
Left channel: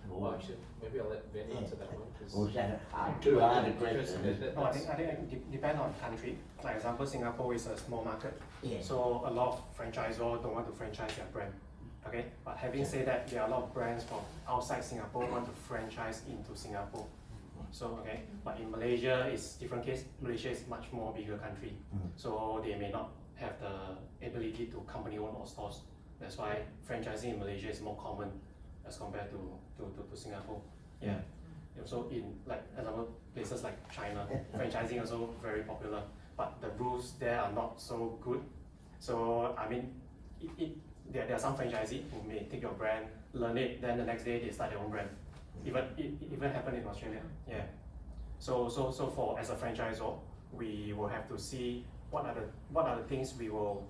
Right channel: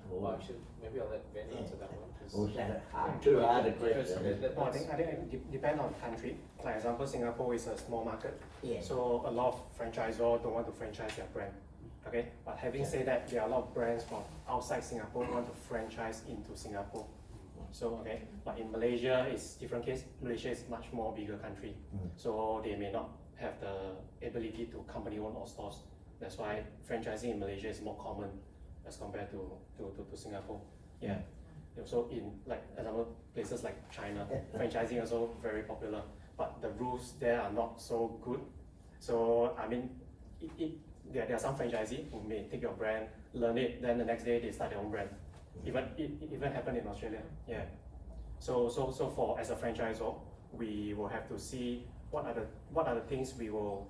Well, actually, maybe I'll let Ben answer that one. Or is that too hard a question? No, I think it depends on country. For example, Singapore is a small market, Yeah. so a lot of franchisors don't want to franchise their brand. Okay, but having said that, there are a lot of brands from outside Singapore want to franchise into Singapore. So okay, but in Malaysia it's different case. Malaysia is much more bigger country, so they may not have the ability to company own all stores. That's why franchising in Malaysia is more common as compared to Singapore. Yeah. So in example places like China, franchising also very popular, but the rules there are not so good. So I mean, there are some franchisee who may take your brand, learn it, then the next day they start their own brand. It even happened in Australia. Yeah. So for as a franchisor, we will have to see what are the things we will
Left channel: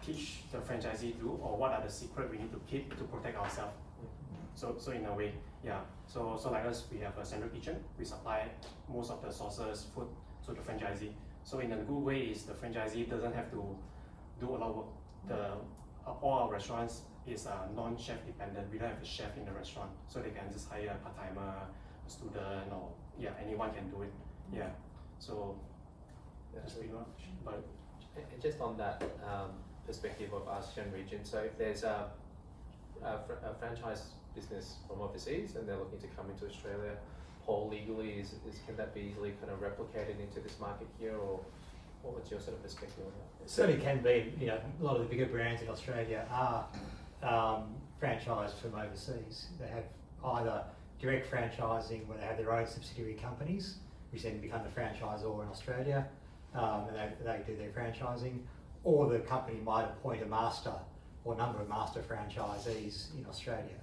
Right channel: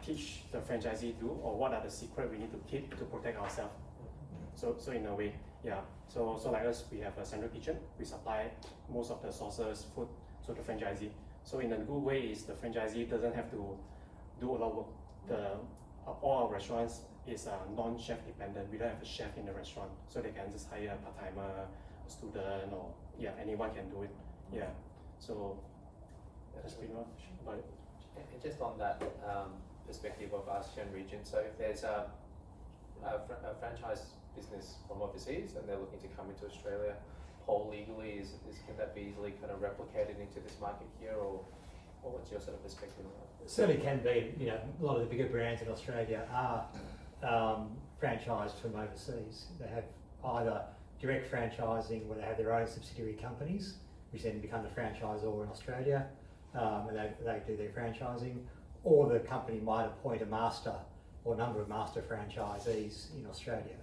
teach the franchisee to, or what are the secret we need to keep to protect ourselves. So in a way, yeah. So like us, we have a central kitchen. We supply most of the sources, food to the franchisee. So in a good way is the franchisee doesn't have to do a lot of work. All our restaurants is non-chef dependent. We don't have a chef in the restaurant, so they can just hire a part-timer, a student, or anyone can do it. Yeah. So that's pretty much about it. And just on that perspective of ASEAN region, so if there's a franchise business from overseas and they're looking to come into Australia, Paul, legally, can that be easily kind of replicated into this market here, or what's your sort of perspective on that? It certainly can be. A lot of the bigger brands in Australia are franchised from overseas. They have either direct franchising where they have their own subsidiary companies, which then become the franchisor in Australia, and they do their franchising, or the company might appoint a master or a number of master franchisees in Australia,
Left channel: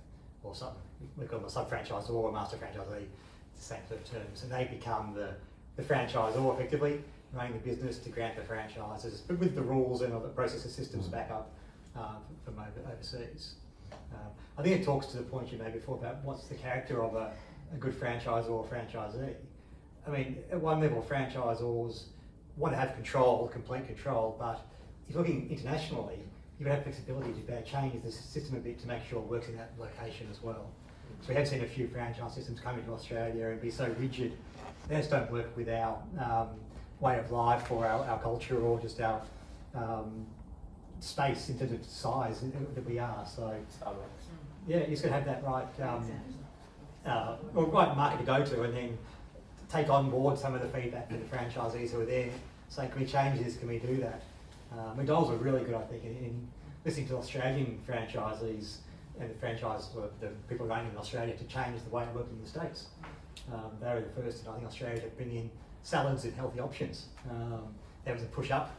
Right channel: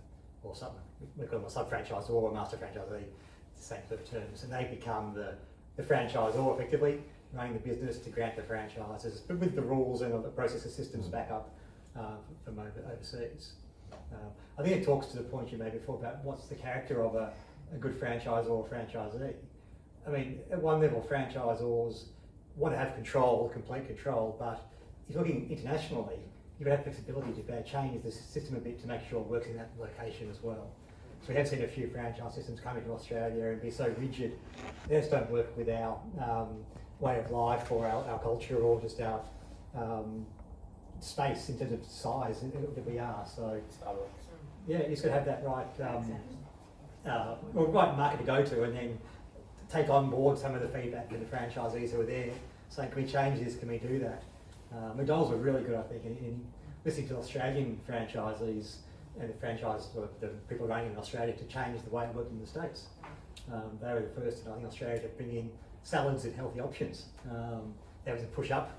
or something. We call them a sub-franchisor or a master franchisee, it's the same sort of terms, and they become the franchisor effectively, running the business to grant the franchises, but with the rules and the processes, systems back up from overseas. I think it talks to the point you made before about what's the character of a good franchisor or franchisee. I mean, at one level, franchisors want to have control, complete control, but if you're looking internationally, you have flexibility to change the system a bit to make sure it works in that location as well. So we have seen a few franchise systems come into Australia and be so rigid, they just don't work with our way of life or our culture or just our space in terms of size that we are. So yeah, you just got to have that right market to go to, and then take on board some of the feedback from the franchisees who are there, saying, can we change this, can we do that? McDonald's are really good, I think, in listening to Australian franchisees and the franchise, the people running in Australia, to change the way it worked in the States. They were the first, I think, Australia to bring in salads and healthy options. That was a push up.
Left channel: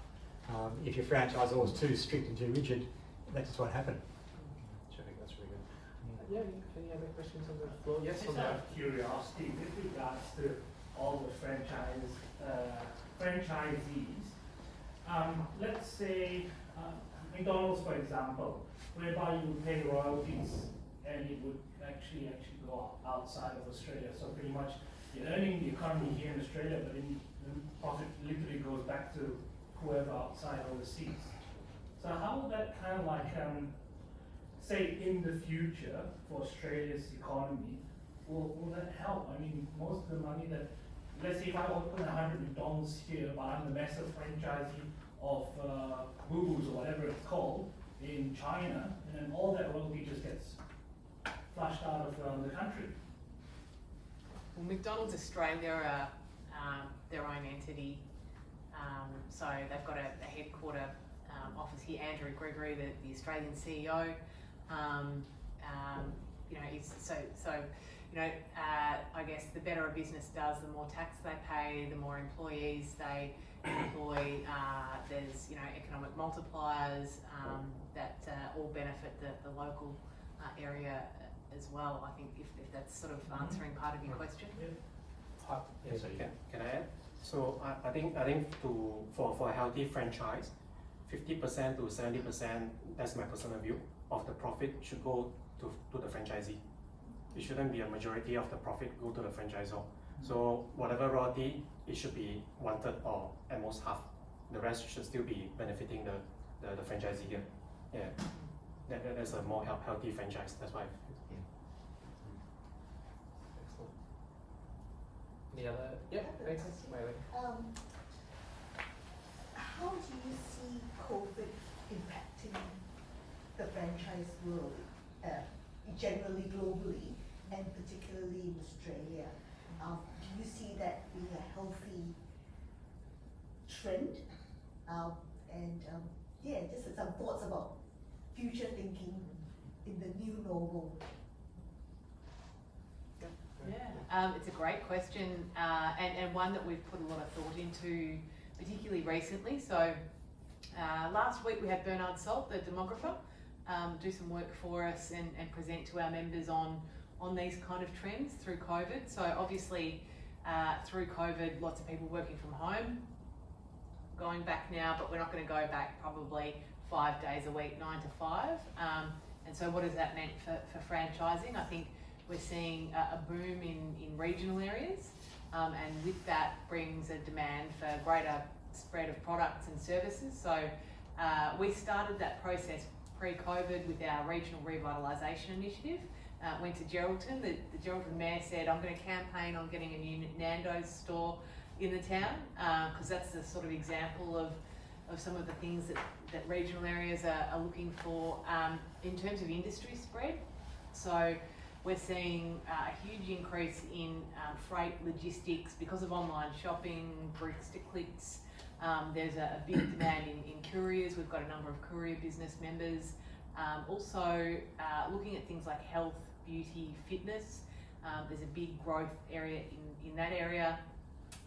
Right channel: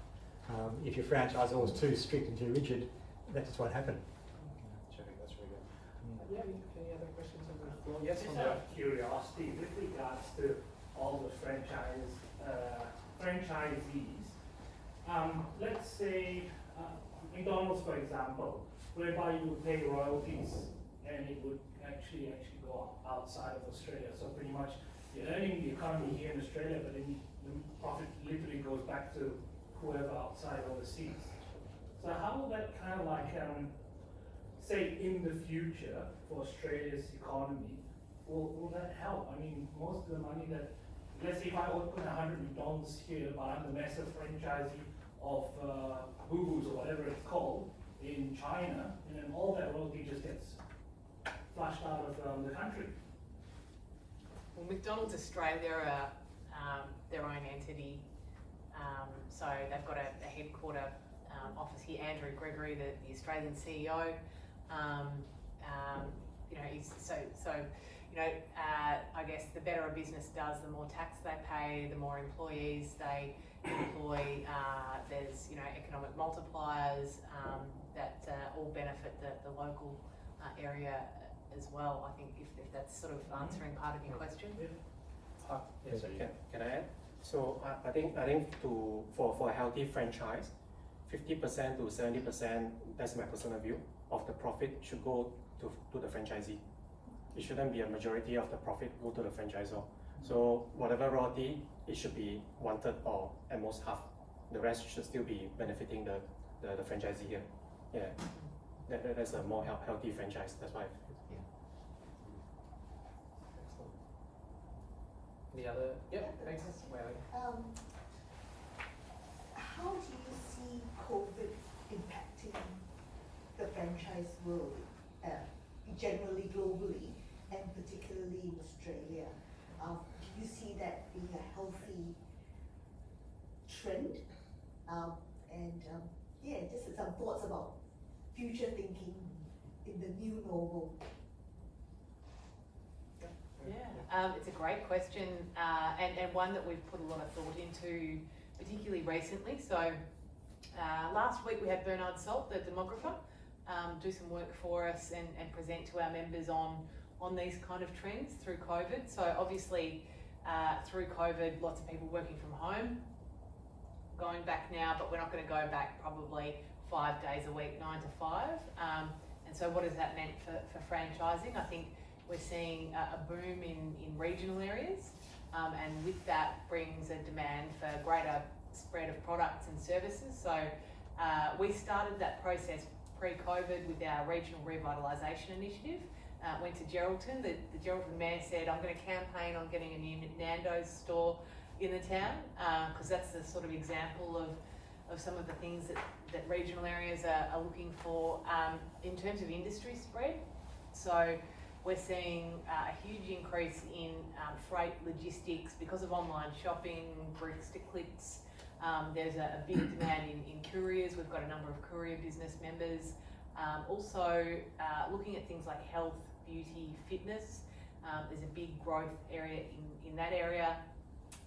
If your franchisor was too strict and too rigid, that's just what happened. Terrific, that's really good. Yeah, any other questions on the floor? Yes, Just on out of curiosity, with regards to all the franchisees, let's say McDonald's, for example, whereby you would pay royalties and it would actually go outside of Australia. So pretty much you're earning the economy here in Australia, but then the profit literally goes back to whoever outside overseas. So how will that kind of like, say in the future for Australia's economy, will that help? I mean, most of the money that, let's say if I open 100 McDonald's here, but I'm the massive franchisee of Boo-Boos or whatever it's called in China, and then all that royalty just gets flushed out of the country. Well, McDonald's Australia are their own entity, so they've got a headquarter office here. Andrew Gregory, the Australian CEO, you know, I guess the better a business does, the more tax they pay, the more employees they employ. There's, you know, economic multipliers that all benefit the local area as well. I think if that's sort of answering part of your question. Yes, Can I add? So I think for a healthy franchise, 50% to 70%, that's my personal view, of the profit should go to the franchisee. It shouldn't be a majority of the profit go to the franchisor. So whatever royalty, it should be 1/3 or at most half. The rest should still be benefiting the franchisee here. Yeah, that's a more healthy franchise. That's why. Excellent. Any other? Yep, thanks. How do you see COVID impacting the franchise world, generally globally, and particularly in Australia? Do you see that being a healthy trend? Just some thoughts about future thinking in the new normal. Yeah, it's a great question, and one that we've put a lot of thought into, particularly recently. So last week we had Bernard Salt, the demographer, do some work for us and present to our members on these kind of trends through COVID. So obviously through COVID, lots of people working from home, going back now, but we're not going to go back probably 5 days a week, 9 to 5. And so what has that meant for franchising? I think we're seeing a boom in regional areas, and with that brings a demand for greater spread of products and services. So we started that process pre-COVID with our regional revitalisation initiative. Went to Geraldton. The Geraldton Mayor said, I'm going to campaign on getting a new Nando's store in the town, because that's the sort of example of some of the things that regional areas are looking for in terms of industry spread. So we're seeing a huge increase in freight logistics because of online shopping, bricks to clicks. There's a big demand in couriers. We've got a number of courier business members. Also looking at things like health, beauty, fitness. There's a big growth area in that area.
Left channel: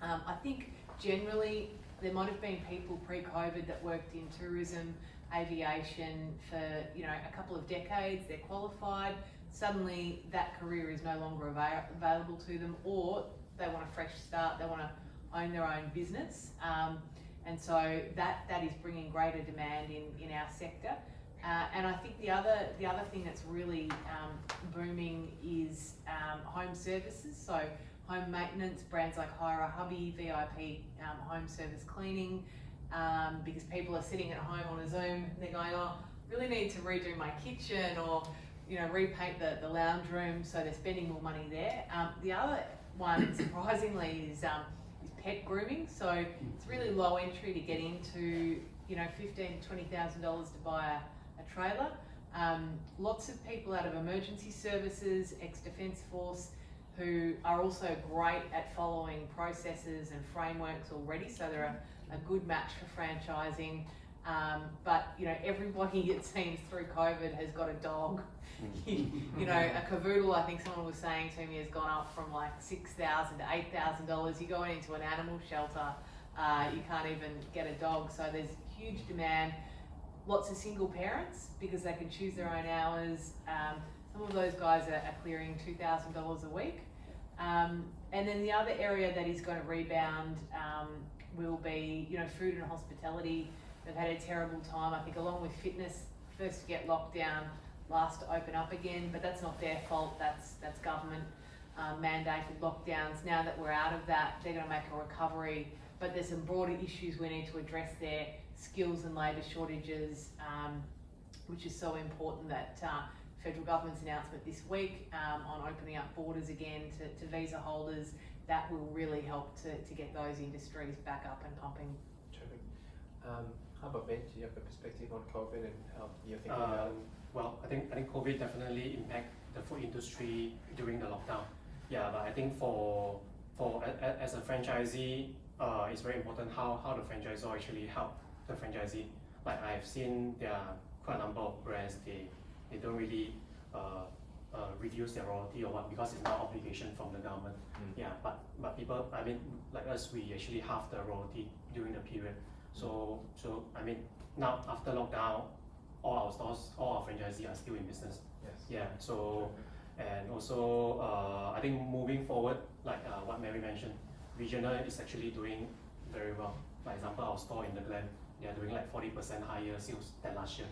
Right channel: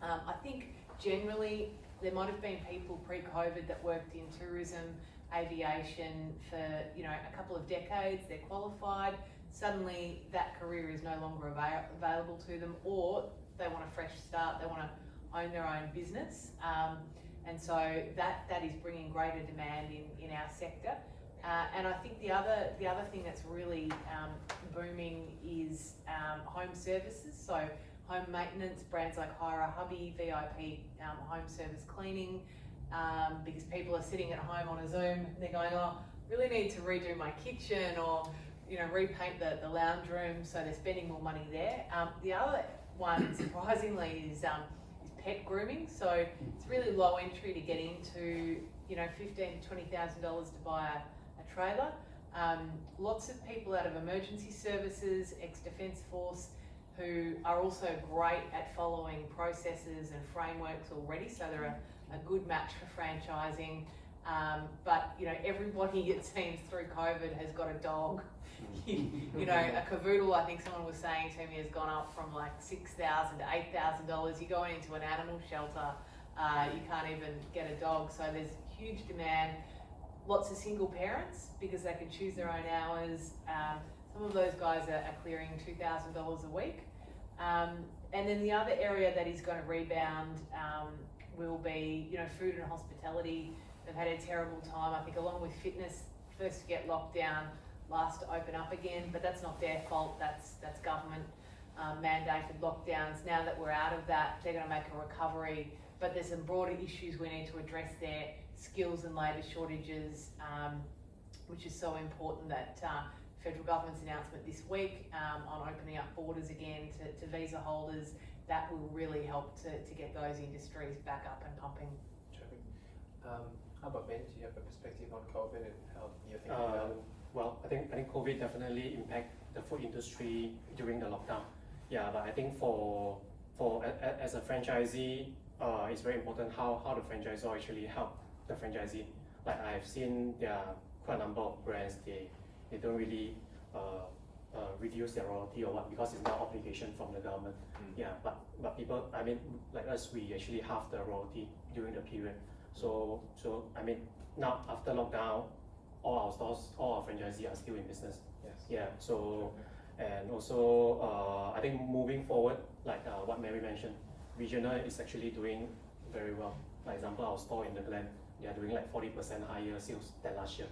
I think generally there might have been people pre-COVID that worked in tourism, aviation for a couple of decades. They're qualified. Suddenly that career is no longer available to them, or they want a fresh start. They want to own their own business, and so that is bringing greater demand in our sector. And I think the other thing that's really booming is home services. So home maintenance, brands like Hire a Hubby, VIP home service cleaning, because people are sitting at home on a Zoom. They're going, oh, really need to redo my kitchen, or repaint the lounge room. So they're spending more money there. The other one, surprisingly, is pet grooming. So it's really low entry to get into. $15,000 to $20,000 to buy a trailer. Lots of people out of emergency services, ex-Defence Force, who are also great at following processes and frameworks already, so they're a good match for franchising. But you know, everybody it seems through COVID has got a dog. You know, a cavoodle, I think someone was saying to me, has gone up from like $6,000 to $8,000. You're going into an animal shelter, you can't even get a dog. So there's huge demand. Lots of single parents because they can choose their own hours. Some of those guys are clearing $2,000 a week. And then the other area that is going to rebound will be, you know, food and hospitality. They've had a terrible time, I think, along with fitness. First to get locked down, last to open up again, but that's not their fault. That's government mandated lockdowns. Now that we're out of that, they're going to make a recovery. But there's some broader issues we need to address there: skills and labour shortages, which is so important that federal government's announcement this week on opening up borders again to visa holders, that will really help to get those industries back up and pumping. Terrific. How about Ben? Do you have a perspective on COVID and how you're thinking about it? Well, I think COVID definitely impact the food industry during the lockdown. Yeah, but I think for as a franchisee, it's very important how the franchisor actually help the franchisee. Like I've seen there are quite a number of brands, they don't really reduce their royalty or what because it's not obligation from the government. Yeah, but people, I mean, like us, we actually halve the royalty during the period. So I mean, now after lockdown, all our stores, all our franchisees are still in business. Yes. Yeah. So, and also I think moving forward, like what Mary mentioned, regional is actually doing very well. For example, our store in the Glen, they are doing like 40% higher sales than last year.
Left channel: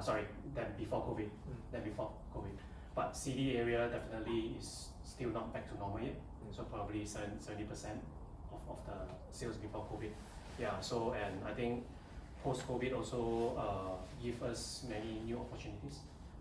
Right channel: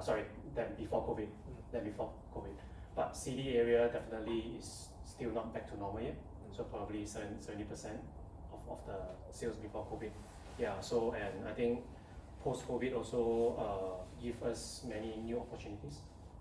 Sorry, than before COVID. But CD area definitely is still not back to normal yet. So probably 70% of the sales before COVID. Yeah. So, and I think post-COVID also give us many new opportunities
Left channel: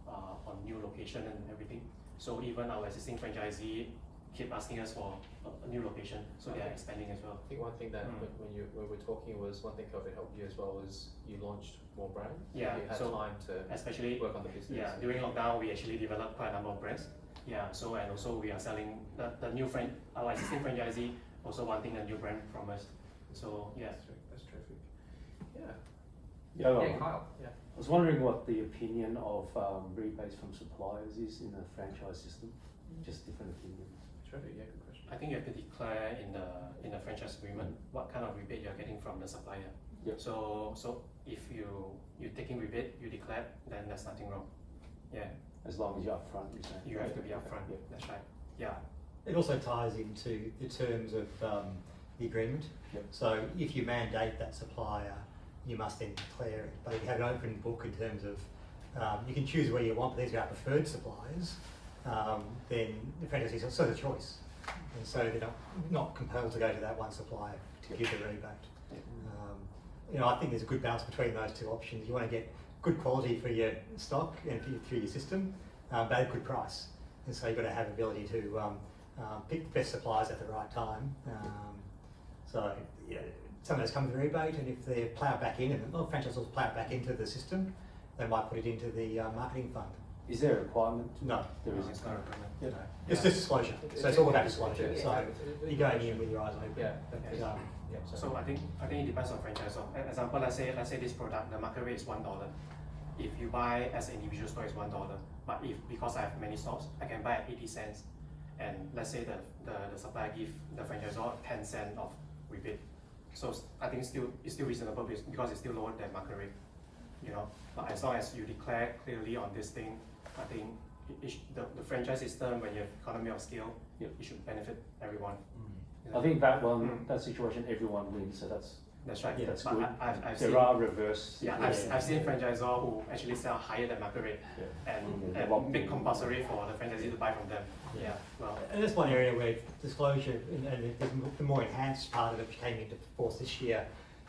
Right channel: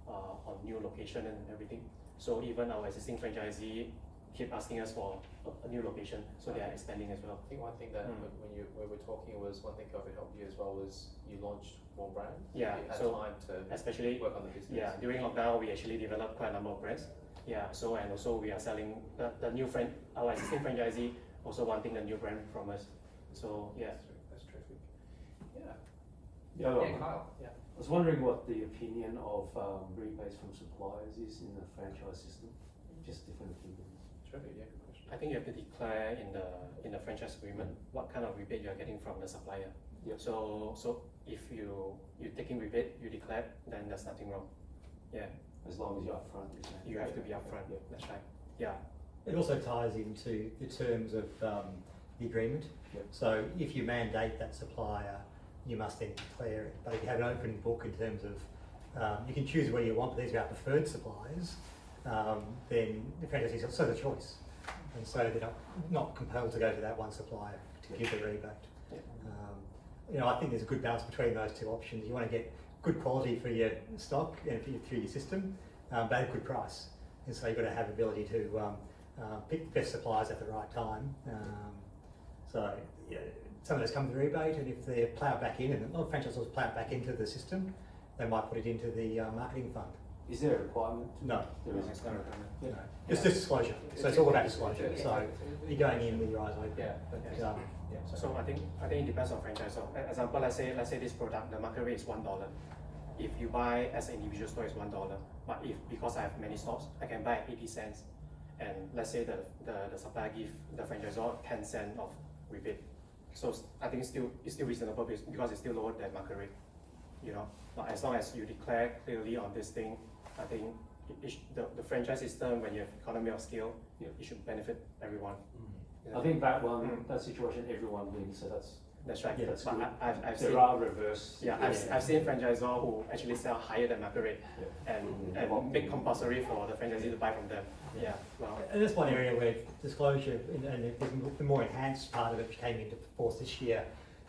on new location and everything. So even our existing franchisee keep asking us for a new location, so they are expanding as well. I think one thing that when we're talking was one thing COVID helped you as well was you launched more brands. Yeah, you had so time to especially work on the business. Yeah, during lockdown we actually developed quite a number of brands. Yeah, so and also we are selling the new our existing franchisee also wanting a new brand from us. So yeah, that's terrific. Yeah, Kyle. Yeah. I was wondering what the opinion of rebates from suppliers is in the franchise system. Just different opinions. Terrific. Yeah, good question. I think you have to declare in the franchise agreement what kind of rebate you are getting from the supplier. Yeah. So if you're taking rebate, you declare, then there's nothing wrong. Yeah. As long as you're upfront, you're saying. You have to be upfront. Yeah. That's right. Yeah. It also ties into the terms of the agreement. Yep. So if you mandate that supplier, you must then declare it. But if you have an open book in terms of, you can choose where you want, but these are our preferred suppliers, then the franchisees have sort of choice. And so they're not compelled to go to that one supplier to give the rebate. Yep. You know, I think there's a good balance between those two options. You want to get good quality for your stock and through your system, but at a good price. And so you've got to have the ability to pick the best suppliers at the right time. So yeah, some of those come with a rebate, and if they plough it back in, and franchisors plough it back into the system, they might put it into the marketing fund. Is there a requirement? No. There No, isn't. it's not a requirement. No. It's just disclosure. So it's all about disclosure. So you're going in with your eyes open. Yeah. So, So I think it depends on franchisor. Example, let's say this product, the market rate is $1. If you buy as an individual store, it's $1. But if because I have many stores, I can buy at 80 cents. And let's say the supplier give the franchisor 10 cents of rebate. So I think it's still reasonable because it's still lower than market rate. You know, but as long as you declare clearly on this thing, I think the franchise system, when you have economy of scale, Yeah. it should benefit everyone. I think that that situation, everyone wins. So That's right. Yeah, that's But good. I've There seen, are reverse. yeah, I've seen franchisor who actually sell higher than market rate and make compulsory for the franchisee to buy from them. Yeah. Well, and that's one area where disclosure and the more enhanced part of it, which came into force this year,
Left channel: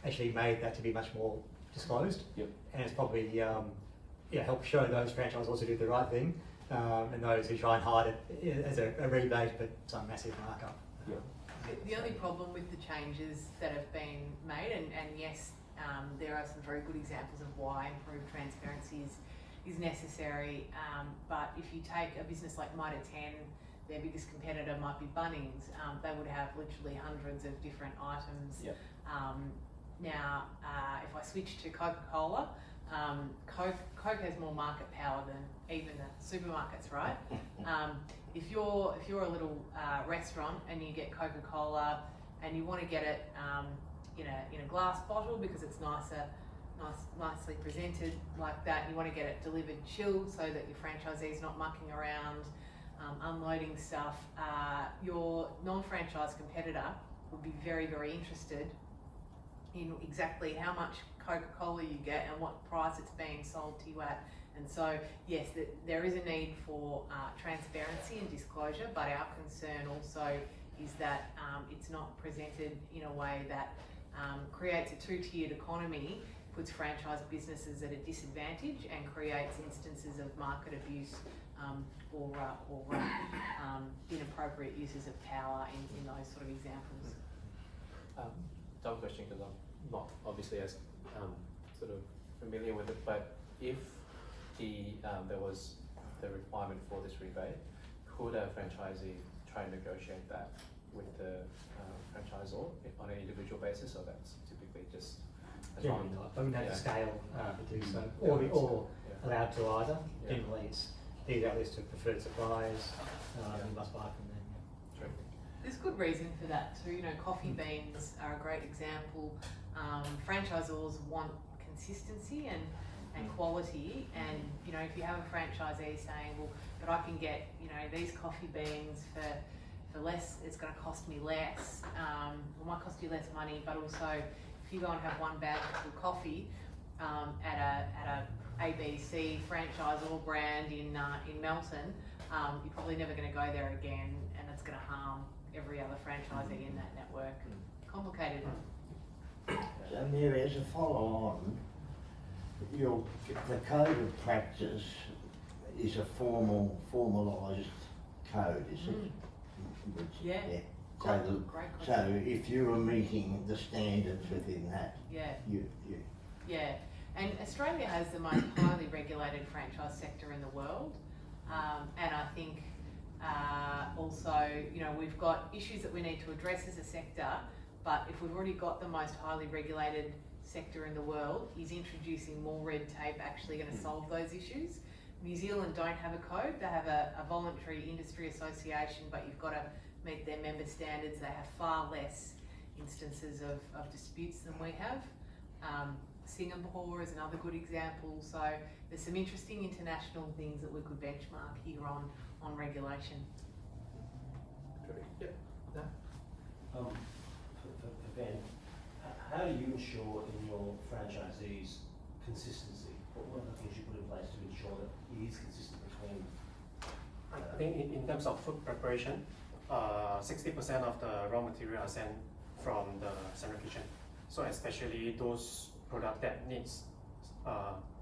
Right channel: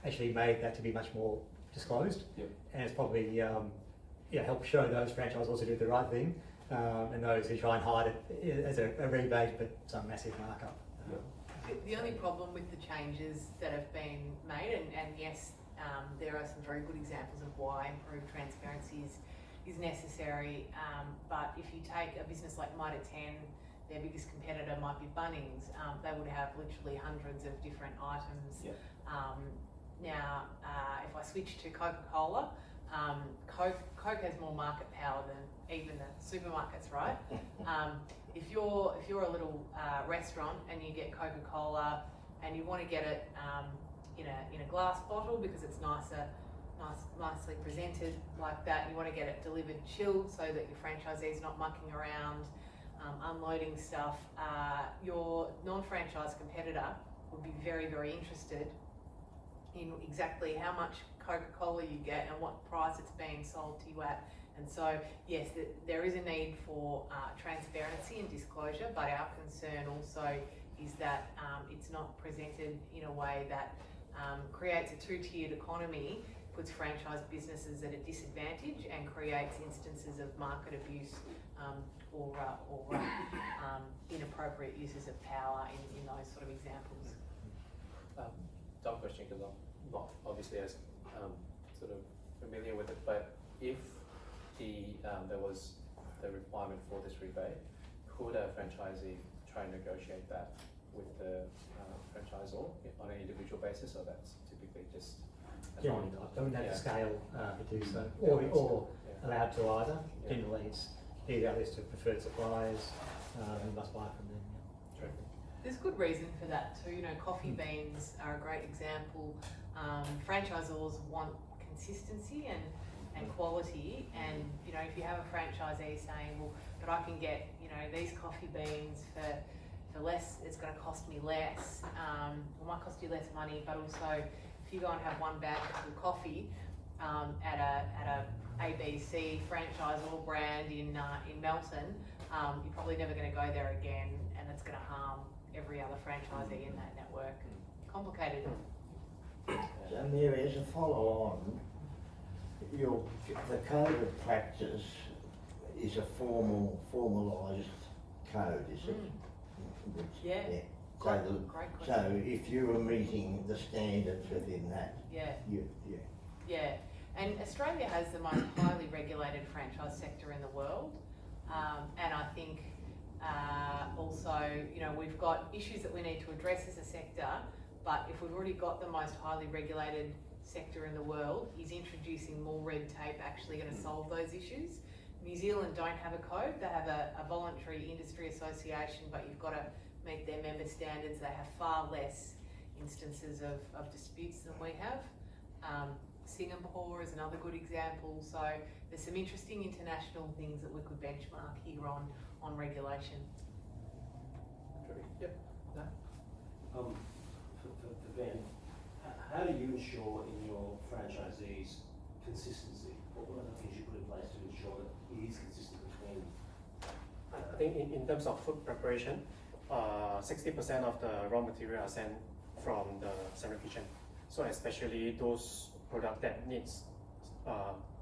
actually made that to be much more disclosed. Yep. And it's probably help show those franchisors who do the right thing, and those who try and hide it as a rebate but some massive markup. Yeah. The only problem with the changes that have been made, and yes, there are some very good examples of why improved transparency is necessary, but if you take a business like Mitre 10, their biggest competitor might be Bunnings, they would have literally hundreds of different items Yep. Now, if I switch to Coca-Cola, Coke has more market power than even the supermarkets, right? If you're a little restaurant and you get Coca-Cola and you want to get it in a glass bottle because it's nicely presented like that, you want to get it delivered chilled so that your franchisee is not mucking around, unloading stuff. Your non-franchise competitor would be very, very interested in exactly how much Coca-Cola you get and what price it's being sold to you at. And so, yes, there is a need for transparency and disclosure, but our concern also is that it's not presented in a way that creates a two-tiered economy, puts franchise businesses at a disadvantage and creates instances of market abuse or inappropriate uses of power in those sort of examples. Dumb question because I'm not obviously as sort of familiar with it, but if there was the requirement for this rebate, could a franchisee try and negotiate that with the franchisor on an individual basis, or that's typically just Generally not. I mean, they have the scale to do so, Yeah. or Yeah. allowed to either. Yeah. Generally, it's either a list of preferred suppliers. You must buy from them. True. There's good reason for that too. You know, coffee beans are a great example. Franchisors want consistency and quality, and you know, if you have a franchisee saying, well, but I can get, you know, these coffee beans for less, it's going to cost me less, it might cost you less money, but also if you go and have one bountiful coffee at a ABC franchisor brand in Melton, you're probably never going to go there again, and it's going to harm every other franchisee in that network. Complicated. And there is a follow-on. The code of practice is a formalised code, is it? Yeah. So, Great so question. if you were meeting the standards within that, Yeah. yeah. And Australia has the most highly regulated franchise sector in the world, and I think also, you know, we've got issues that we need to address as a sector, but if we've already got the most highly regulated sector in the world, is introducing more red tape actually going to solve those issues? New Zealand don't have a code, they have a voluntary industry association, but you've got to meet their member standards. They have far less instances of disputes than we have. Singapore is another good example. So there's some interesting international things that we could benchmark here on regulation. Yep. No? For Ben, how do you ensure in your franchisees consistency? What are the things you put in place to ensure that it is consistent between? I think in terms of food preparation, 60% of the raw material are sent from the central kitchen. So especially those products that needs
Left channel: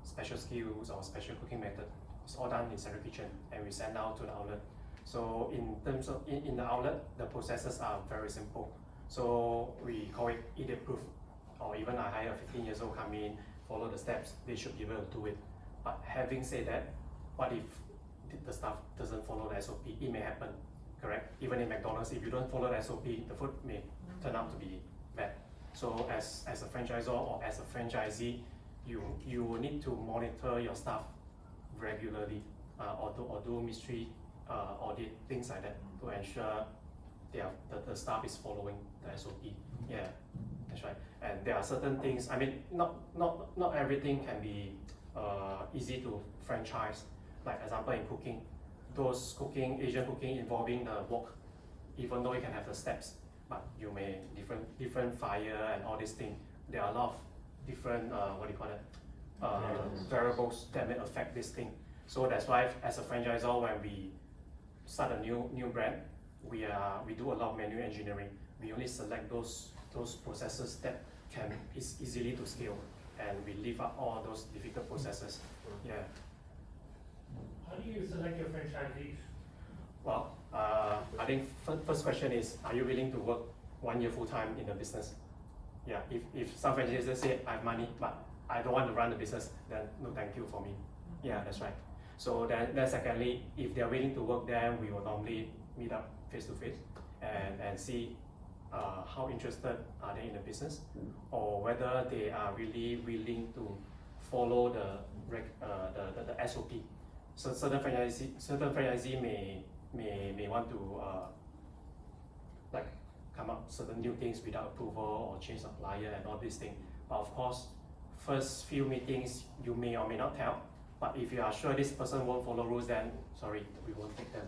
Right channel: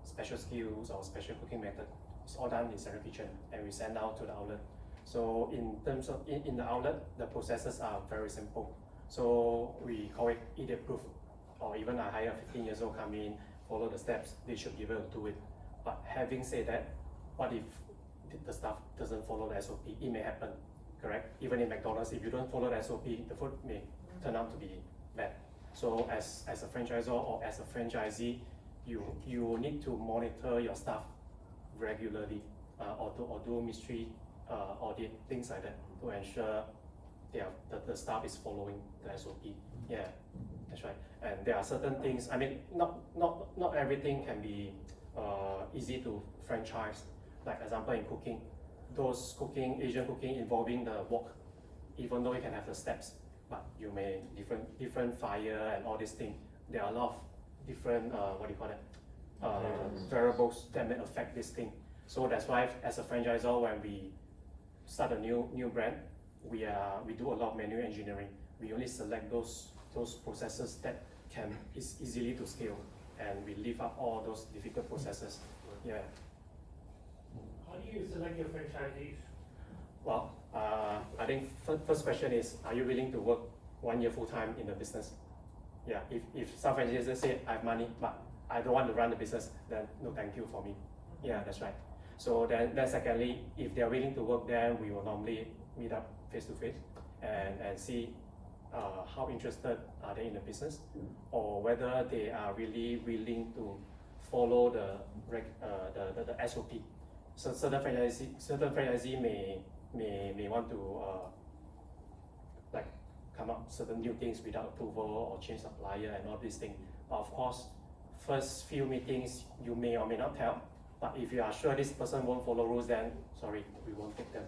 special skills or special cooking method, it's all done in central kitchen and we send out to the outlet. So in terms of in the outlet, the processes are very simple. So we call it idiot proof, or even I hire a 15 years old come in, follow the steps, they should be able to do it. But having said that, what if the staff doesn't follow the SOP? It may happen, correct? Even in McDonald's, if you don't follow the SOP, the food may turn out to be bad. So as a franchisor or as a franchisee, you need to monitor your staff regularly, or do mystery audit, things like that, to ensure the staff is following the SOP. Yeah, that's right. And there are certain things. I mean, not everything can be easy to franchise. Like example in cooking, Asian cooking involving the wok, even though you can have the steps, but you may different fire and all these things. There are a lot of different variables that may affect this thing. So that's why as a franchisor, when we start a new brand, we do a lot of manual engineering. We only select those processes that is easily to scale, and we leave out all those difficult processes. Yeah. How do you select your franchisees? Well, I think first question is, are you willing to work 1 year full time in the business? Yeah. If some franchisees say I have money, but I don't want to run the business, then no, thank you for me. Yeah, that's right. So then secondly, if they are willing to work, then we will normally meet up face to face and see how interested are they in the business, or whether they are really willing to follow the SOP. So certain franchisee may want to like come up certain new things without approval or change supplier and all these things. But of course, first few meetings you may or may not tell. But if you are sure this person won't follow rules, then sorry, we won't take them.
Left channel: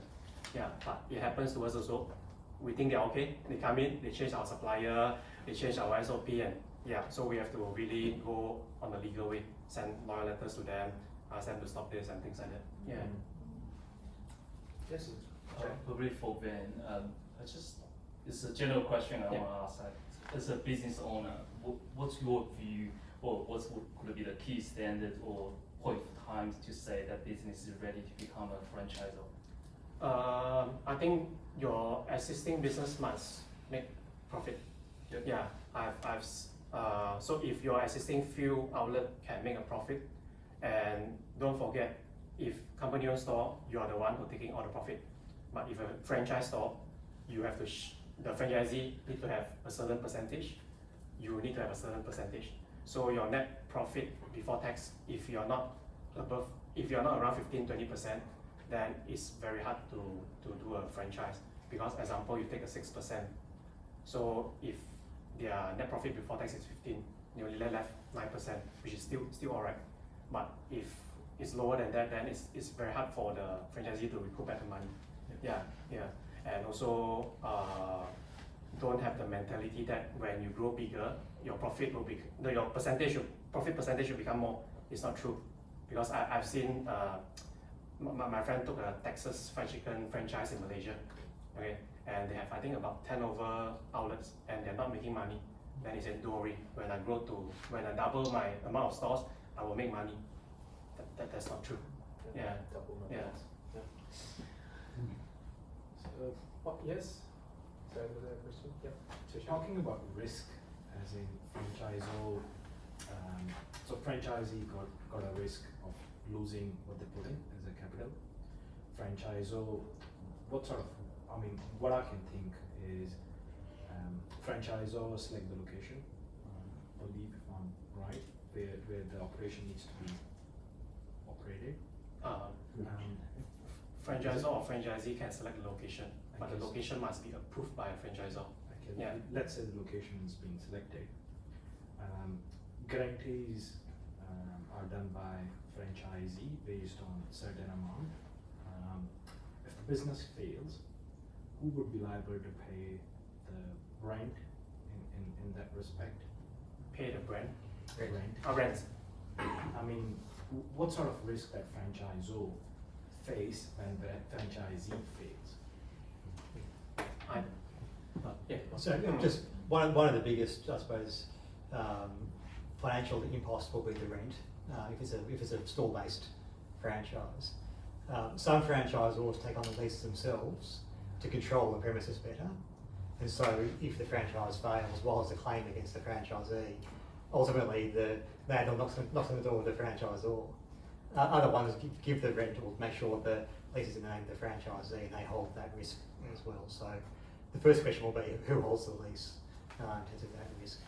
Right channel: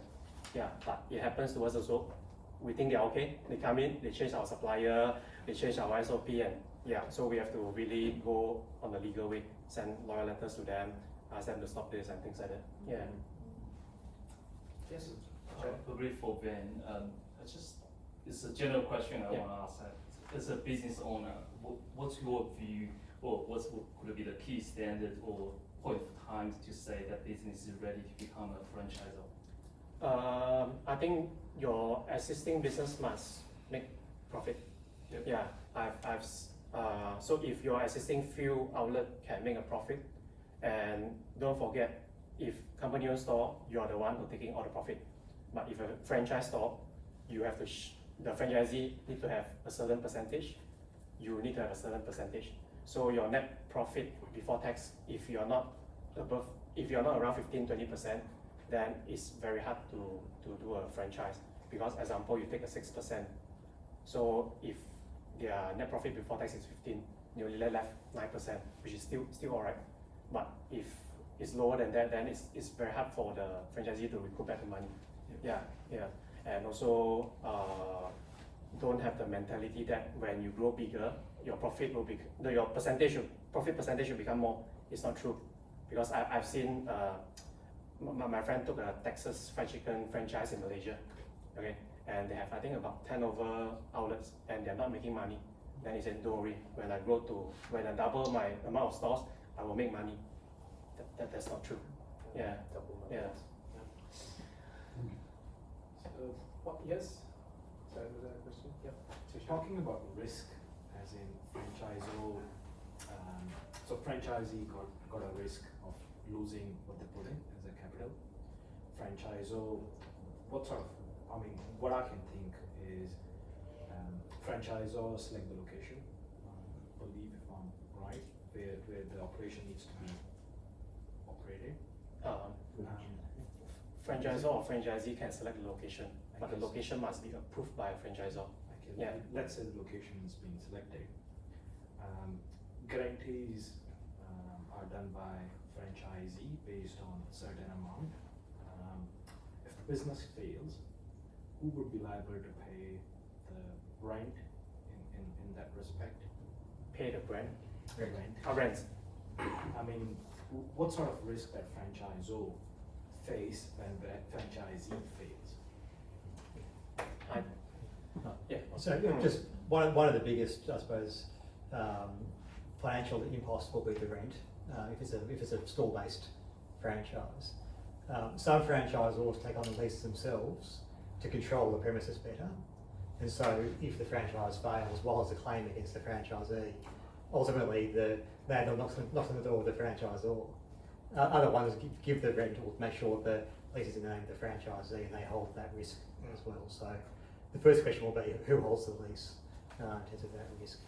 Yeah, but it happens to us also. We think they're okay. They come in, they change our supplier, they change our SOP, and yeah, so we have to really go on the legal way, send lawyer letters to them, ask them to stop this and things like that. Yeah. Yes. Probably for Ben, it's a general question I want to ask. As a business owner, what's your view, or what could be the key standard or point of time to say that business is ready to become a franchisor? I think your existing business must make profit. Yep. Yeah, so if your existing few outlet can make a profit, and don't forget, if company-owned store, you are the one who taking all the profit. But if a franchise store, you have to the franchisee need to have a certain percentage. You need to have a certain percentage. So your net profit before tax, if you're not around 15-20%, then it's very hard to do a franchise. Because example, you take a 6%. So if their net profit before tax is 15, you only left 9%, which is still alright. But if it's lower than that, then it's very hard for the franchisee to recoup back the money. Yeah. And also don't have the mentality that when you grow bigger, your profit will be profit percentage will become more. It's not true, because I've seen my friend took a Texas fried chicken franchise in Malaysia, okay, and they have I think about 10 over outlets, and they're not making money. Then he said, don't worry, when I double my amount of stores, I will make money. That's not true. Yeah. So, yes? Sorry, was that a question? Yeah. Talking about risk, as in franchisor, so franchisee got a risk of losing what they put in as a capital. Franchisor, what I can think is franchisor select the location, believe if I'm right, where the operation needs to be operated. Franchisor or franchisee can select the location, but the location must be approved by a franchisor. Okay, Yeah. Let's say the location is being selected. Guarantees are done by franchisee based on a certain amount. If the business fails, who would be liable to pay the rent in that respect? Pay the brand. Rent. Rent. What sort of risk that franchisor face when the franchisee fails? So just one of the biggest, I suppose, financial impulse will be the rent, if it's a store-based franchise. Some franchisors take on the lease themselves to control the premises better, and so if the franchise fails, while there's a claim against the franchisee, ultimately the landlord knocks on the door with the franchisor. Other ones give the rent or make sure the lease is in the name of the franchisee, and they hold that risk as well. So the first question will be who holds the lease in terms of that risk.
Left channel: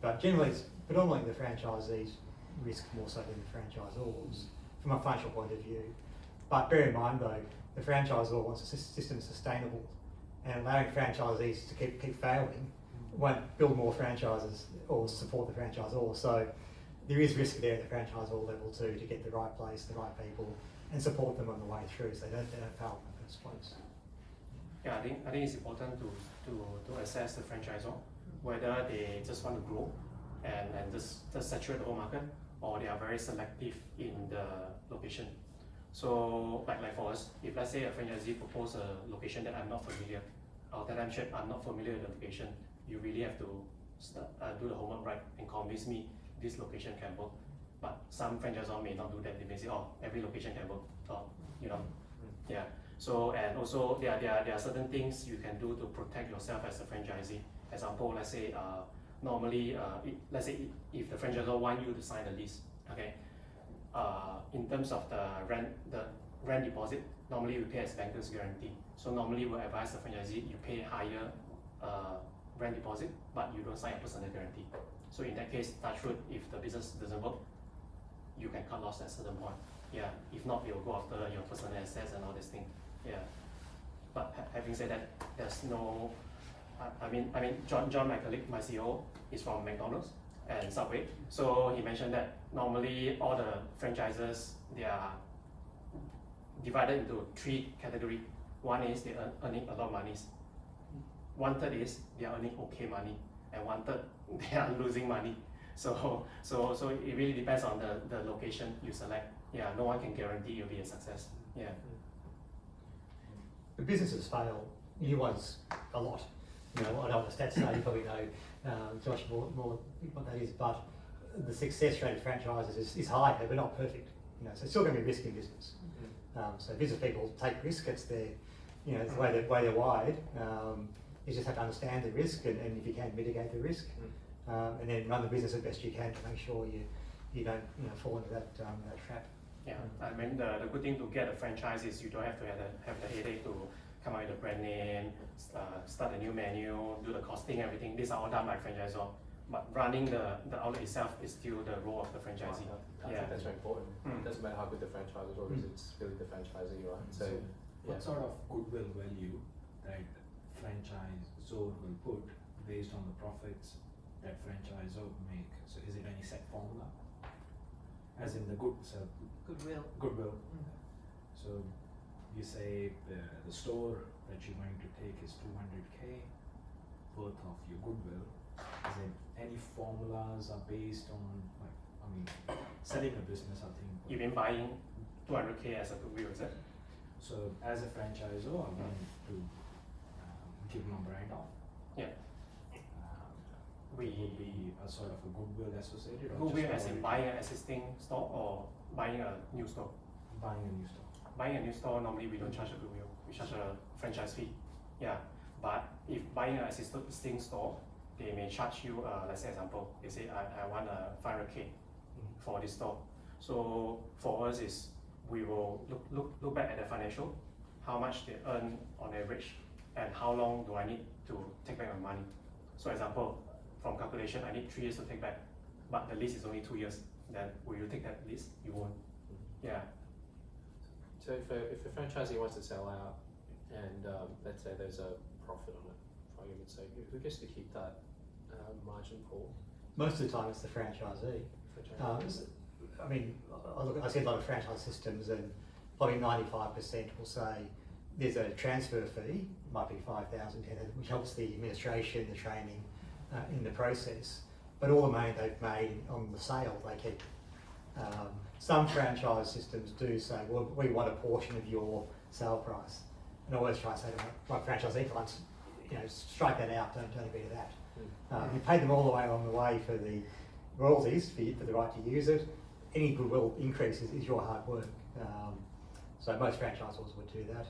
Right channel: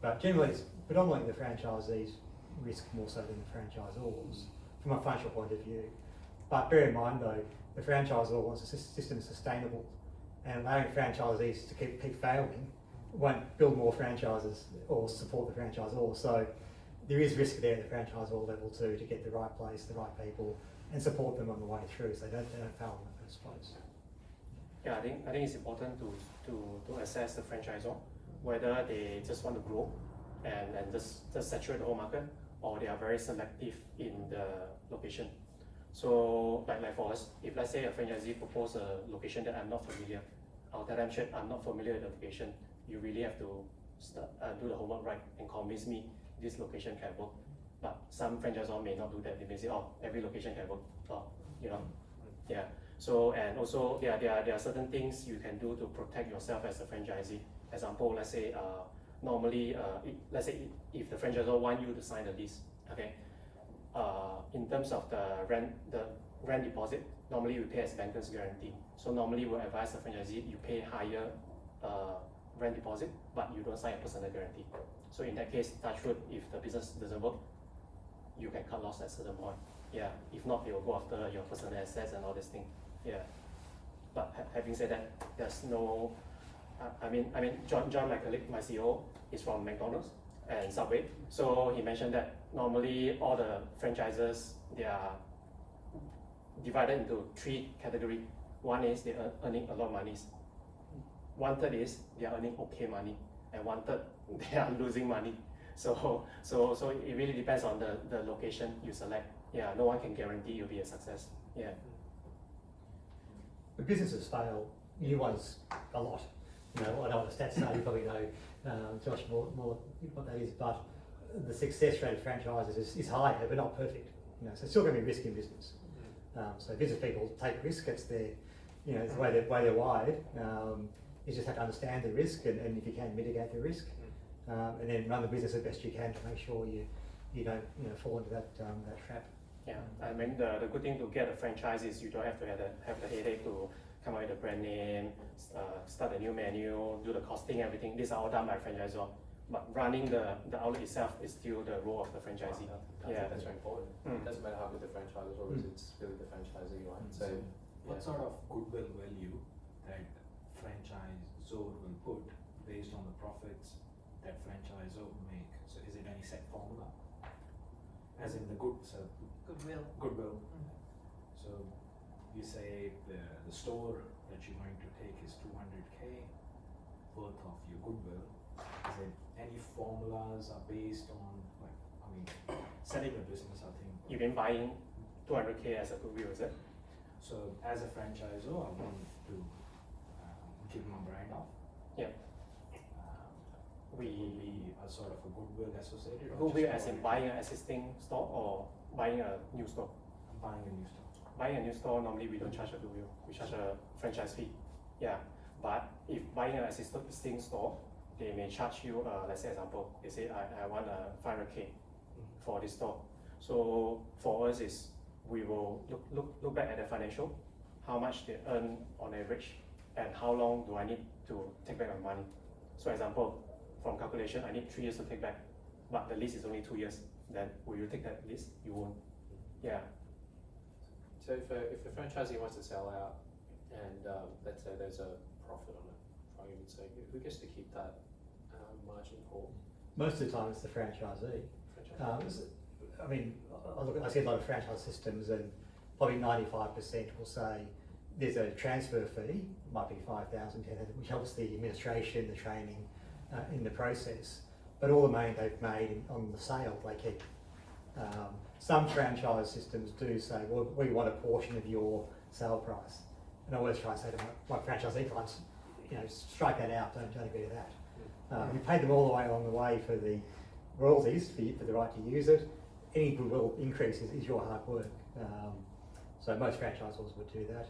But generally, it's predominantly the franchisees risk more so than the franchisors from a financial point of view. But bear in mind though, the franchisor wants a system sustainable, and allowing franchisees to keep failing won't build more franchises or support the franchisor. So there is risk there at the franchisor level too, to get the right place, the right people, and support them on the way through so they don't fail in the first place. Yeah, I think it's important to assess the franchisor, whether they just want to grow and just saturate the whole market, or they are very selective in the location. So like for us, if let's say a franchisee proposes a location that I'm not familiar, I'll tell them, "Chef, I'm not familiar with the location. You really have to do the homework right and convince me this location can work." But some franchisors may not do that. They may say, "Oh, every location can work." Yeah. So and also there are certain things you can do to protect yourself as a franchisee. Example, let's say normally let's say if the franchisor want you to sign a lease, okay. In terms of the rent deposit, normally we pay as banker's guarantee. So normally we advise the franchisee you pay higher rent deposit, but you don't sign a personal guarantee. So in that case, touch wood, if the business doesn't work, you can cut loss at a certain point. Yeah, if not, they will go after your personal assets and all this thing. Yeah, but having said that, there's no. I mean, John, my colleague, my CEO, is from McDonald's and Subway. So he mentioned that normally all the franchisors, they are divided into 3 categories. One is they are earning a lot of money. 1/3 is they are earning okay money, and 1/3 they are losing money. So it really depends on the location you select. Yeah, no one can guarantee you'll be a success. Yeah. The businesses fail, new ones a lot. You know, I don't know what the stats say, you probably know, Josh, more what that is, but the success rate of franchises is high, but not perfect. You know, so it's still going to be risk in business. So business people take risk, it's their, you know, it's the way they're wired. You just have to understand the risk and if you can mitigate the risk, and then run the business as best you can to make sure you don't fall into that trap. Yeah, I mean the good thing to get a franchise is you don't have to have the headache to come up with a brand name, start a new menu, do the costing, everything. These are all done by franchisor. But running the outlet itself is still the role of the franchisee. I think that's very important. It doesn't matter how good the franchisor is, it's really the franchisee, right? So, what sort of goodwill value that franchisor will put based on the profits that franchisor make? So is it any set formula? As in the goodwill. So you say the store that you're going to take is 200K worth of your goodwill. Is there any formulas are based on, like, I mean, selling a business, I think. You've been buying 200K as a goodwill, is it? So as a franchisor, I want to keep my brand up. Yeah. Will be a sort of a goodwill associated? Or Goodwill just as in buying an existing store or buying a new store? buying a new store. Buying a new store, normally we don't charge a goodwill, we charge a franchise fee. Yeah, but if buying an existing store, they may charge you, let's say example, they say I want a 500K for this store. So for us is, we will look back at the financial, how much they earn on average, and how long do I need to take back my money. So example, from calculation, I need 3 years to take back, but the lease is only 2 years. Then will you take that lease? You won't. Yeah. So if a franchisee wants to sell out, and let's say there's a profit on it, for argument's sake, who gets to keep that margin pool? Most of the time, it's the franchisee. I mean, I see a lot of franchise systems, and probably 95% will say there's a transfer fee, might be 5,000, 10,000, which helps the administration, the training in the process. But all the money they've made on the sale, they keep. Some franchise systems do say, well, we want a portion of your sale price. And I always try and say to my franchisee clients, strike that out, don't agree to that. You pay them all the way along the way for the royalties, for the right to use it. Any goodwill increase is your hard work. So most franchisors would do that.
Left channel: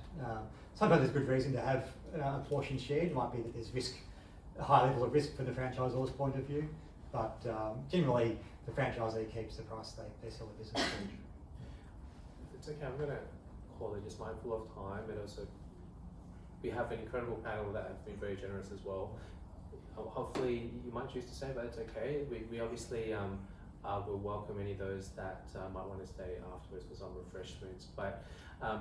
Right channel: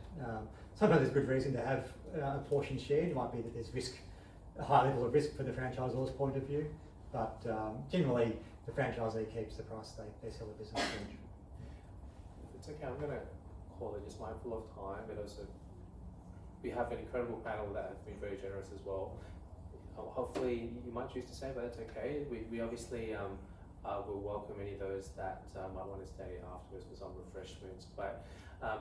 Sometimes there's good reason to have a portion shared. It might be that there's risk, a high level of risk from the franchisor's point of view, but generally the franchisee keeps the price they sell the business for. It's okay, I'm going to call it, just mindful of time, but also we have an incredible panel that have been very generous as well. Hopefully you might choose to stay, but it's okay. We obviously will welcome any of those that might want to stay afterwards for some refreshments. But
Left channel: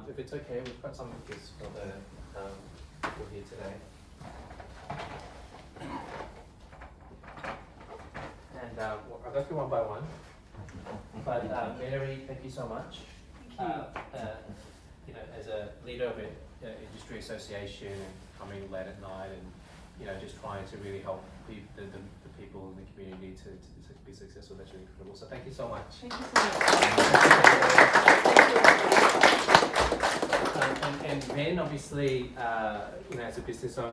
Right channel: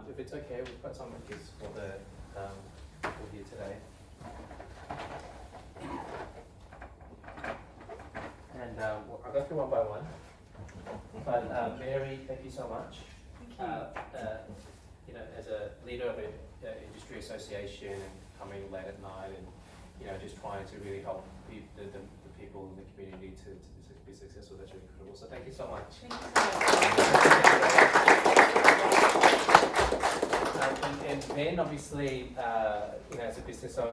if it's okay, we've got some gifts for the people here today. And I'll go through one by one. But Mary, thank you so much. As a leader of an industry association and coming late at night and just trying to really help the people in the community to be successful, that's really incredible. So thank you so much. Thank you so much. And then obviously, as a business owner,